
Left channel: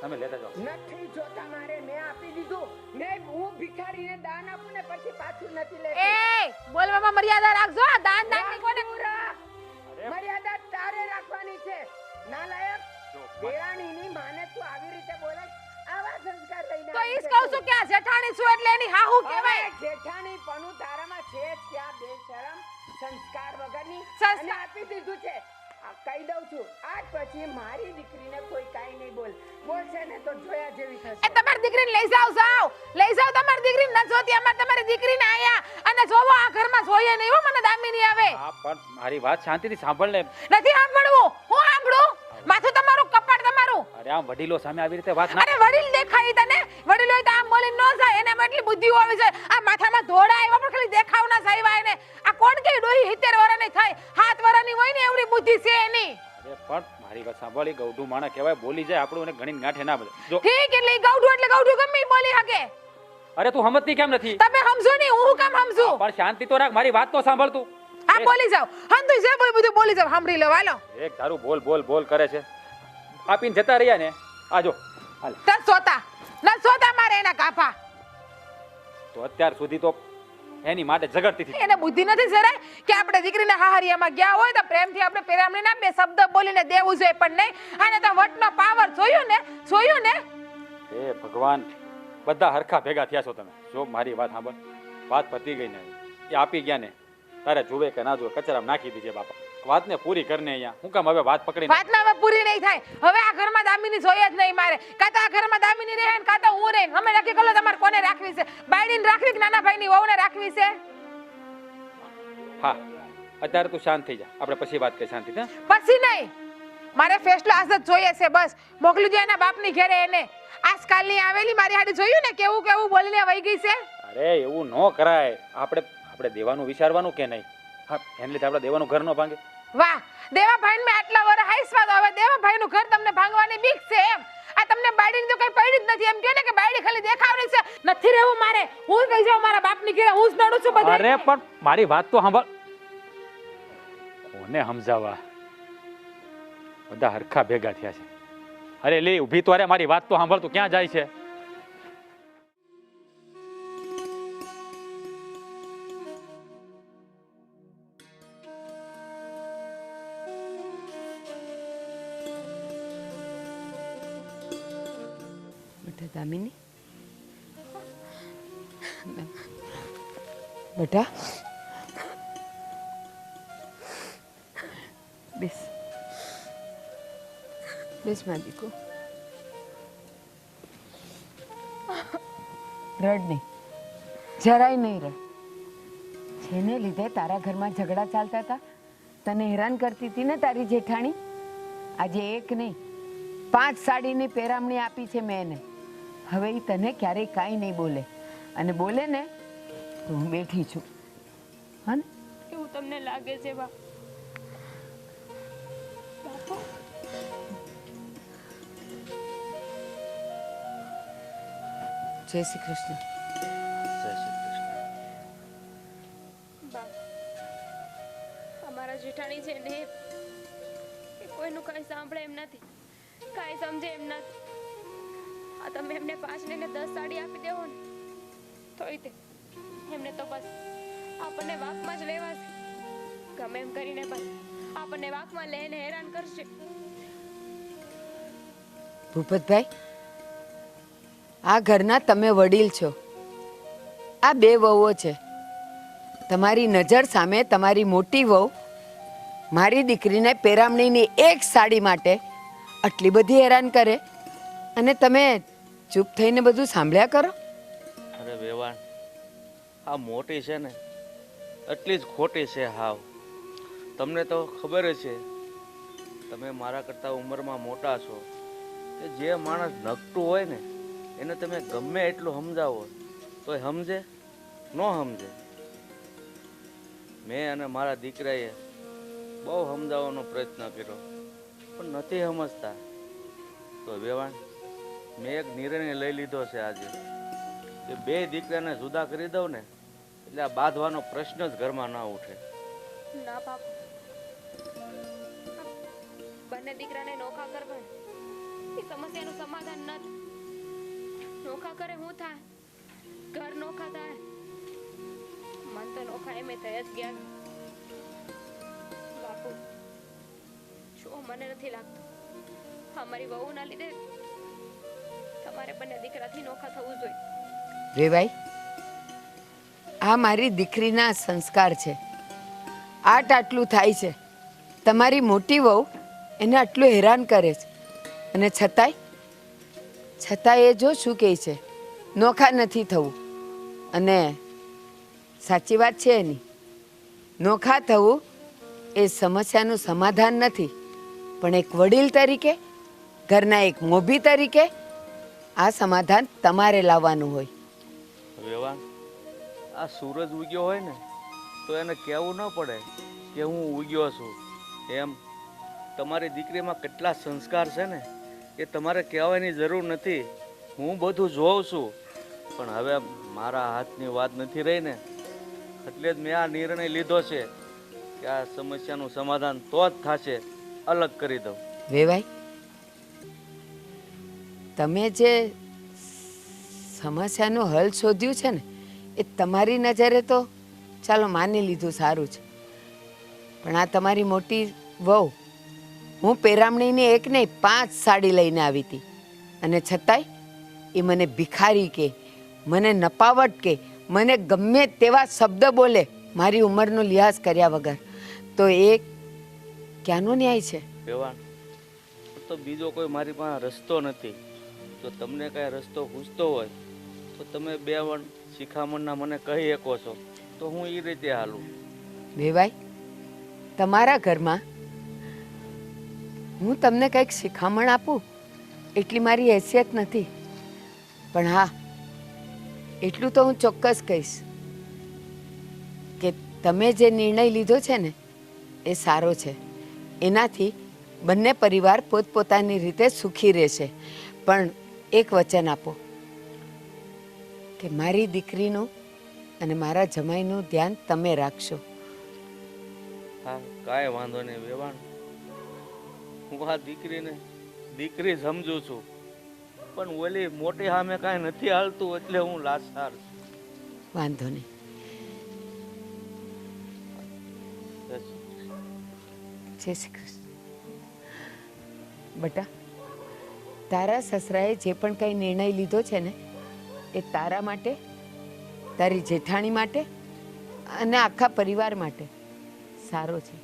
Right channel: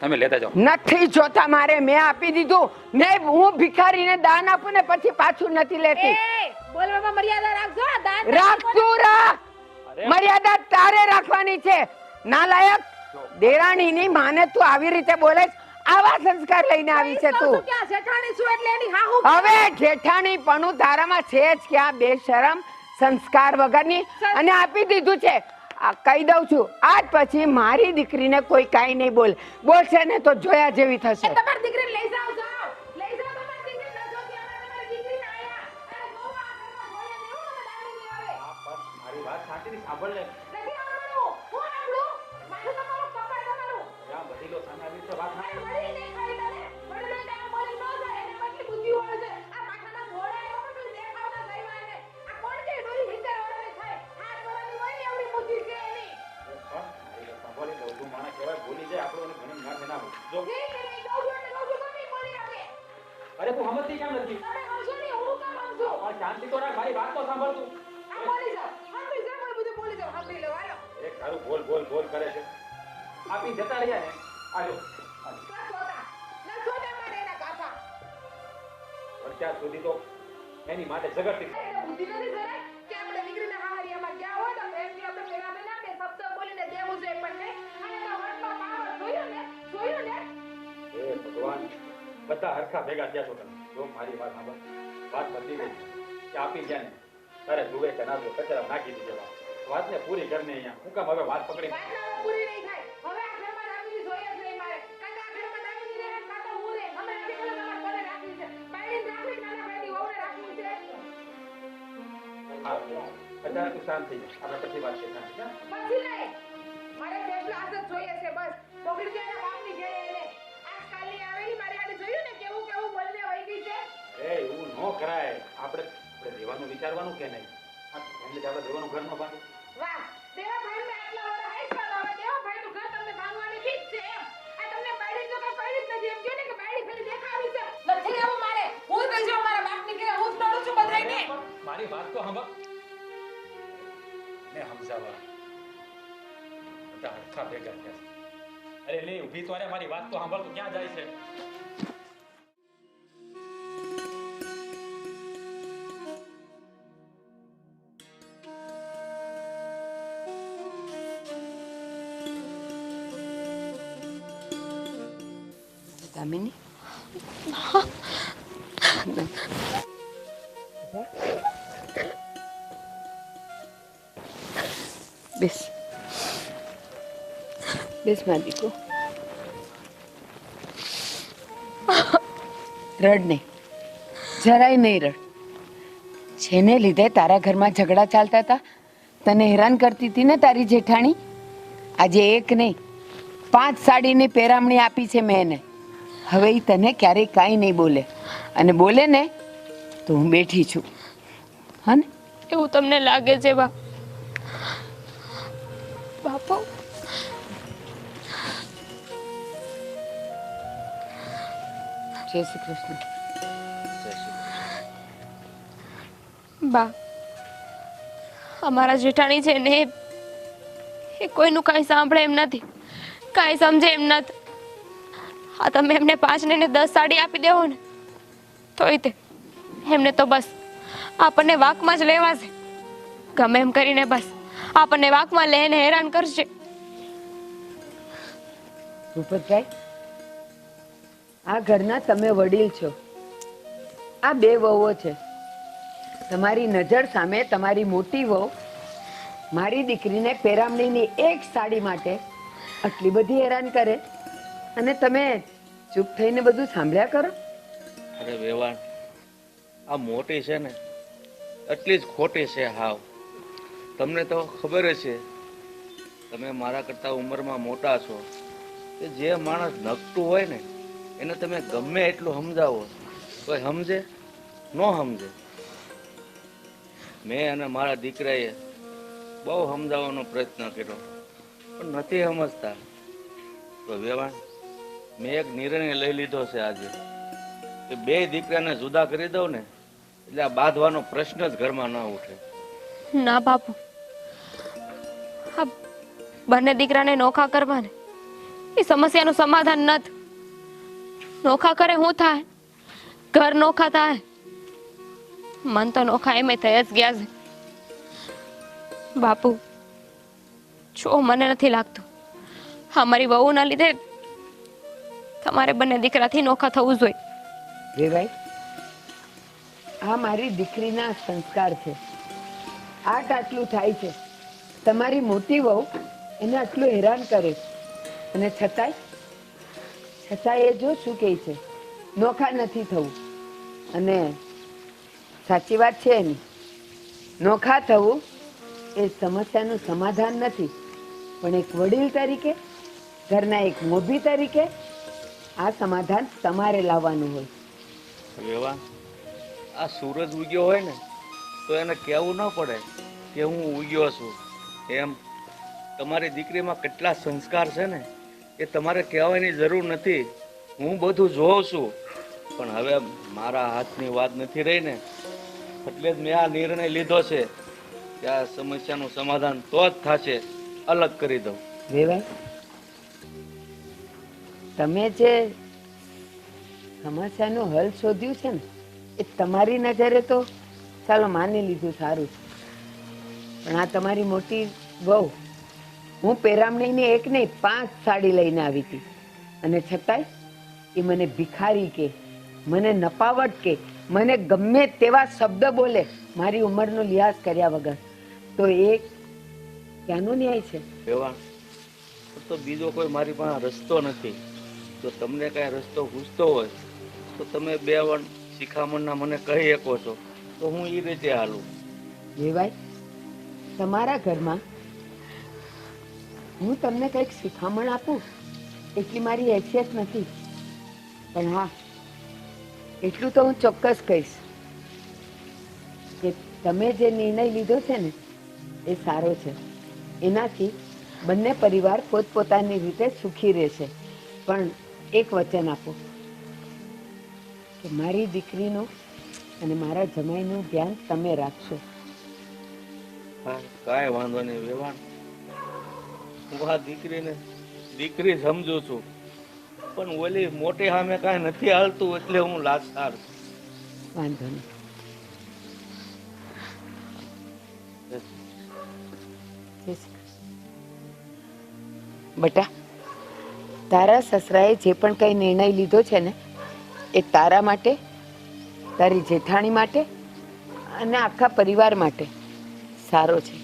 તમે લેતા જાઓ. નથી જોતા મારે. મેં આપી દીધું. મેં હું ભિખારીને દાન આપું ને પછી પાછું નથી લેતી. એ બોલવામાં મર્યાદા રાખજો. આ દાન રાખતું રાખ. મર્યાદા તારે રાખવાની છે. નાલાયક દેરાણીની માને તું આવી રીતે બોલે. આવા સંસ્કાર લઈને આવી છે તું. કે આ જેઠાણી છું એટલે એની હાહુ હવે જેઠાણી પણ તારામાં છે જ ક્યાં? બેશરમ સંસ્કાર વગરની. અને આપી દીધું છે. આ કહી દઉં છું આજ પછી મારી દીકરીને કોઈ કાઈ નહીં બોલશે ને તો જોયા જેવી થશે. તમારી દીકરીને લઈ જાવ. લઈ જાવ તમારી દીકરીને. ન જોતી અમાર તમારી દીકરીને આયા. અને જોવો આ ઘરમાં જોઈએ નહીં હો. મને દામિની આવે. હા પણ મારી વાત શાંતિથી સાંભળ ને. નથી સાંભળવું. હું સાંભળું. માથું તમારું, કપાળ તમારું. અરે આમ વડીલો સામે આવી રીતે વાત ના. અરે વડીલ દેખાય તને? વડીલો તો આમ બોલી ન જાય. એને એટલી બુદ્ધિ આવી છે. આ માથામાં ધોળા આવ્યા પણ ખાલી દેખાવના જાય એને. આ કોણ કે ડોહી 70 વર્ષની થાય? 7 વર્ષની હોય ને એવડી બુદ્ધિ છે એની. પણ મારી વાત સાંભળી. ગૌડું માણા કહેવાય. બોલી જાય આપણું ઘણી ગાંઠે ના બોલે. જો ઠીક એટલે ગૌડું એટલે કહું છું ગમે ઈ બોલી શકે. અરે તું સમજતી કેમ નથી? તમે સમજો નહીં, હું કામ સમજુ? પણ શાંતિ તો રાખ, મારી વાત તો સાંભળ તું. હા બોલી જાવ, હંતુ જે બોલ બધું બોલી જાવ, સાંભળી લો. હાલો એક તારું બોલ બોલ બોલ કરે છે. આપીને જતા રહ્યા ને, આજો હાલ. ન સોતા મારે એના કાફા. તો અત્યાર સુધી તો એની માટે ઝઘડતી હતી. એને બુદ્ધિ નથી જરાય કે આપણે દીકરીના હાહરિયામાં ગયા હોય તો પ્રેમથી આપણે પેરામણી ના બે શબ્દ બોલીને દેવું જોઈએ, પણ નહીં. આને તો વટનો પાવર જોયું ને. હે ભગવાન, બધા હરખા ભેગા થયા છો તમે. જો મારી વાત સાંભળ, વાત પતી ગઈ ને, એ આપી ગયા ને, તારે જુએ કે ના જુએ, કચરામાં નાખી દીજે બાપા. વાતને પૂરી કરને અહીંયા. હું કામ હવે વાત પકડી? વાતના હવે પૂરી નહીં થાય. હવે આ ઘરમાં દામિની જોઈએ જ નહીં મારે. કાં તો આ ઘરમાં દામિની રહે ને કાં તો હું રહે. અમે નક્કી કરો તમારે કોને રાખવી છે, બાયડીને રાખવી કે નાના ભાઈની વહુને રાખવી છે. હા, અત્યારે તું શાંત થઈ જા, આપણે પછી વાત કરીએ શાંતિથી. પછી નહીં, મારે ફેસલો આજ જ જોઈએ છે. બસ મોકલી દો એના બાપની ઘરે એને. આજકાલની આવેલી મારી હાડી જોયું ને કેવું બોલીને વહી ગઈ છે. અરે એવું ન કરાય. આપણે દેવાનું વિચારવાનું કે નહીં? હા, એને લીધે આપણે દેવાનું ઘર ન ભાંગે. વાહ, દેવાભાઈ મેં આટલા વર્ષ હાઈસમાં તો હવે દેવાભાઈનું ઘર તમને ભાંગવાની બીક છે એમ? આ તમને બાયડીની તો કઈ પડી જ નથી એમ કહે ને કે બાયડી ખાલી દેખાવડી છે. નથી રહેવું મારે. હું કહી જાઉં મારા બાપની ઘરે, હું જ નડું છું બધાને. અરે પણ મારી વાત તો સાંભળ. કોને સમજાવવા? બધા હરખા ભેગા થયા છે. અરે લે ઊભી તો, અરે મારી વાત તો સાંભળ. તું ક્યાં જાય છે? દામિની, બેટા બેસ મારી દીકરો. રડ નહીં, જરાય નહીં રડ. જેને લીધે તારા ઘરમાં ઝઘડા ચાલતા હતા, તને હેરાન કરતી હતી ને તારી જેઠાણી, આજે એક નહીં 5 સાડીની પેરામણી આપી છે મેં એને. હવે એ તને ક્યારેય કાંઈ નહીં બોલે, અને બોલે ને તો હું બેઠી છું. હા ને? એવું તમને લાગે છે બાપુ? જય શ્રી કૃષ્ણ. બા, અમારા જેઠાણી છે ને એ કોઈનું કાંઈ સાંભળે એમ નથી, કાંઈ સમજે એમ નથી. આ તમે એમને 5 ને 10 સાડી આપી દેવો ને તોય તે એમને તો બસ આપણને વાકમાં જ લેવા છે. ગમે એમ કરીને બસ આપણને વાકમાં લઈને હેરાન કરશે. ભૂપતભાઈ, આ ઘરના તમે વડીલ છો. આ 2 વહુઓ છે. તમારી નજર સામે તમારી મોટી વહુ મારી દીકરીને પેરામણીની 1 સાડી માટે આટલી બધી હેરાન કરે, અને તમે ચૂપ થઈને બધું સાંભળ્યા કરો. અરે વેવાણ, આ મોટી છે ને એટલી જ ખોટી છે હાવ. તમને તો ખબર જ છે, તમે મારા કરતાં ઉંમરમાં મોટા છો, કે જે માણસ નકટું હોય ને એને તમે ગમે એટલું સમજાવો તો સમજે ન સમજે. મેં અને મારા દીકરાએ બહુ સમજાવવાનો પ્રયત્ન કર્યો પણ નથી સમજતા. તો વેવાણ, મેં એક નિર્ણય લઈ લીધો છે આજે કે 2 દીકરાને જુદા કરી દઉં ને એટલે આ બાંધવાનો પ્રશ્ન જ ઘરમાં ના ઉઠે. ના બાપુ, આ બંને દીકરાને નોખા કરવાને એ સમસ્યાનું સમાધાન નથી. નોખા કરે શું થાય? ઘર નોખા થાય. મન તો નોખા એમ થઈ જ ગયા છે બાપુ. જો મને નથી લાગતું અમારી વહુના લીધે તમારે બંને દીકરાથી નોખા થવું જોઈએ. રેવાઈ, આ મારી દીકરીના સંસ્કાર છે. આટલું થાય છે. તમારી મોટી વહુ એને આટલું હેરાન કરે છે, અને છતાંય એ જો શું કહે છે, નોખા નથી થવું. અને સાચી વાત છે એની, નોખા થવું એ સમસ્યાનું સમાધાન નથી, પણ એક વડીલ તરીકે, ઘરના એક મોભી તરીકે આ સમાધાન તમારે લાવવાનું હોય. વેવાણ, આ સૂરજ ઉગ્યો હોય ને તો એને કહેવું ન પડે કે હું ઉગ્યો છું. એમ તમારી દીકરીમાં કેટલા સંસ્કાર છે ને એ તમારે કહેવાની જરૂર નથી. હું બધું જોઉં છું, પણ હવે મારા હાથની વાત નથી રહી ને, એટલે જ મેં આ નિર્ણય લીધો છે કે આ સમસ્યાનું સમાધાન તો જ થશે, અલગ કરી દઉં. વેવાઈ, તમે જે સમસ્યાનો હલ શોધ્યું છે ને એ તમારી નજરે તો ચાલો માની લીધું, સારું છે, પણ આ તમારી મોટી વહુ, હું પેરામણીની એક નહીં 5 સાડી લઈને આવી હતી, અને છતાંય એ મને ભિખારી કે, મને નપાવટ કે, મને ગમે તેવા શબ્દ બોલે મારી ઉંમરનો લિહાઝ કર્યા વગર, તો એ ક્યાંનો ન્યાય છે? વેવાણ, તો બીજો કોઈ મારી પાસે રસ્તો નથી. જો તમને કાંઈ રસ્તો પૂછતો હોય તો તમે 2 વાર શિખામણના મને કહી શકો છો, તો હું એ રીતે હાલું. વેવાઈ, તમારા ઘરમાં હું તમને કંઈક શિખામણ આપું એટલી મારી હેસિયત નથી, પણ હા, એટલું તો હું ચોક્કસ કહીશ કે તમે જે નિર્ણય લીધો છે ને એ સારો છે. એનાથી બંને પરિવાર પોતપોતાની રીતે સુખી રહેશે, પણ એક વચન આપો કે મારી દીકરીનું અને મારા જમાઈનું ધ્યાન તમે રાખશો. હા, કાંઈ વાંધો નહીં વેવાણ, હું આ દીકરીને દીકરી સમજુ છું, પણ ઓલી મોટી સામે કાંઈ નથી હાલતું એટલે હું લાચાર છું. વાંધો નહીં. જય શ્રી કૃષ્ણ. બટા, તારા સસરાએ જે પણ કંઈ નિર્ણય લીધો છે ને એ તારા માટે, તારી જેઠાણી માટે અને આખા પરિવાર માટે સારો છે.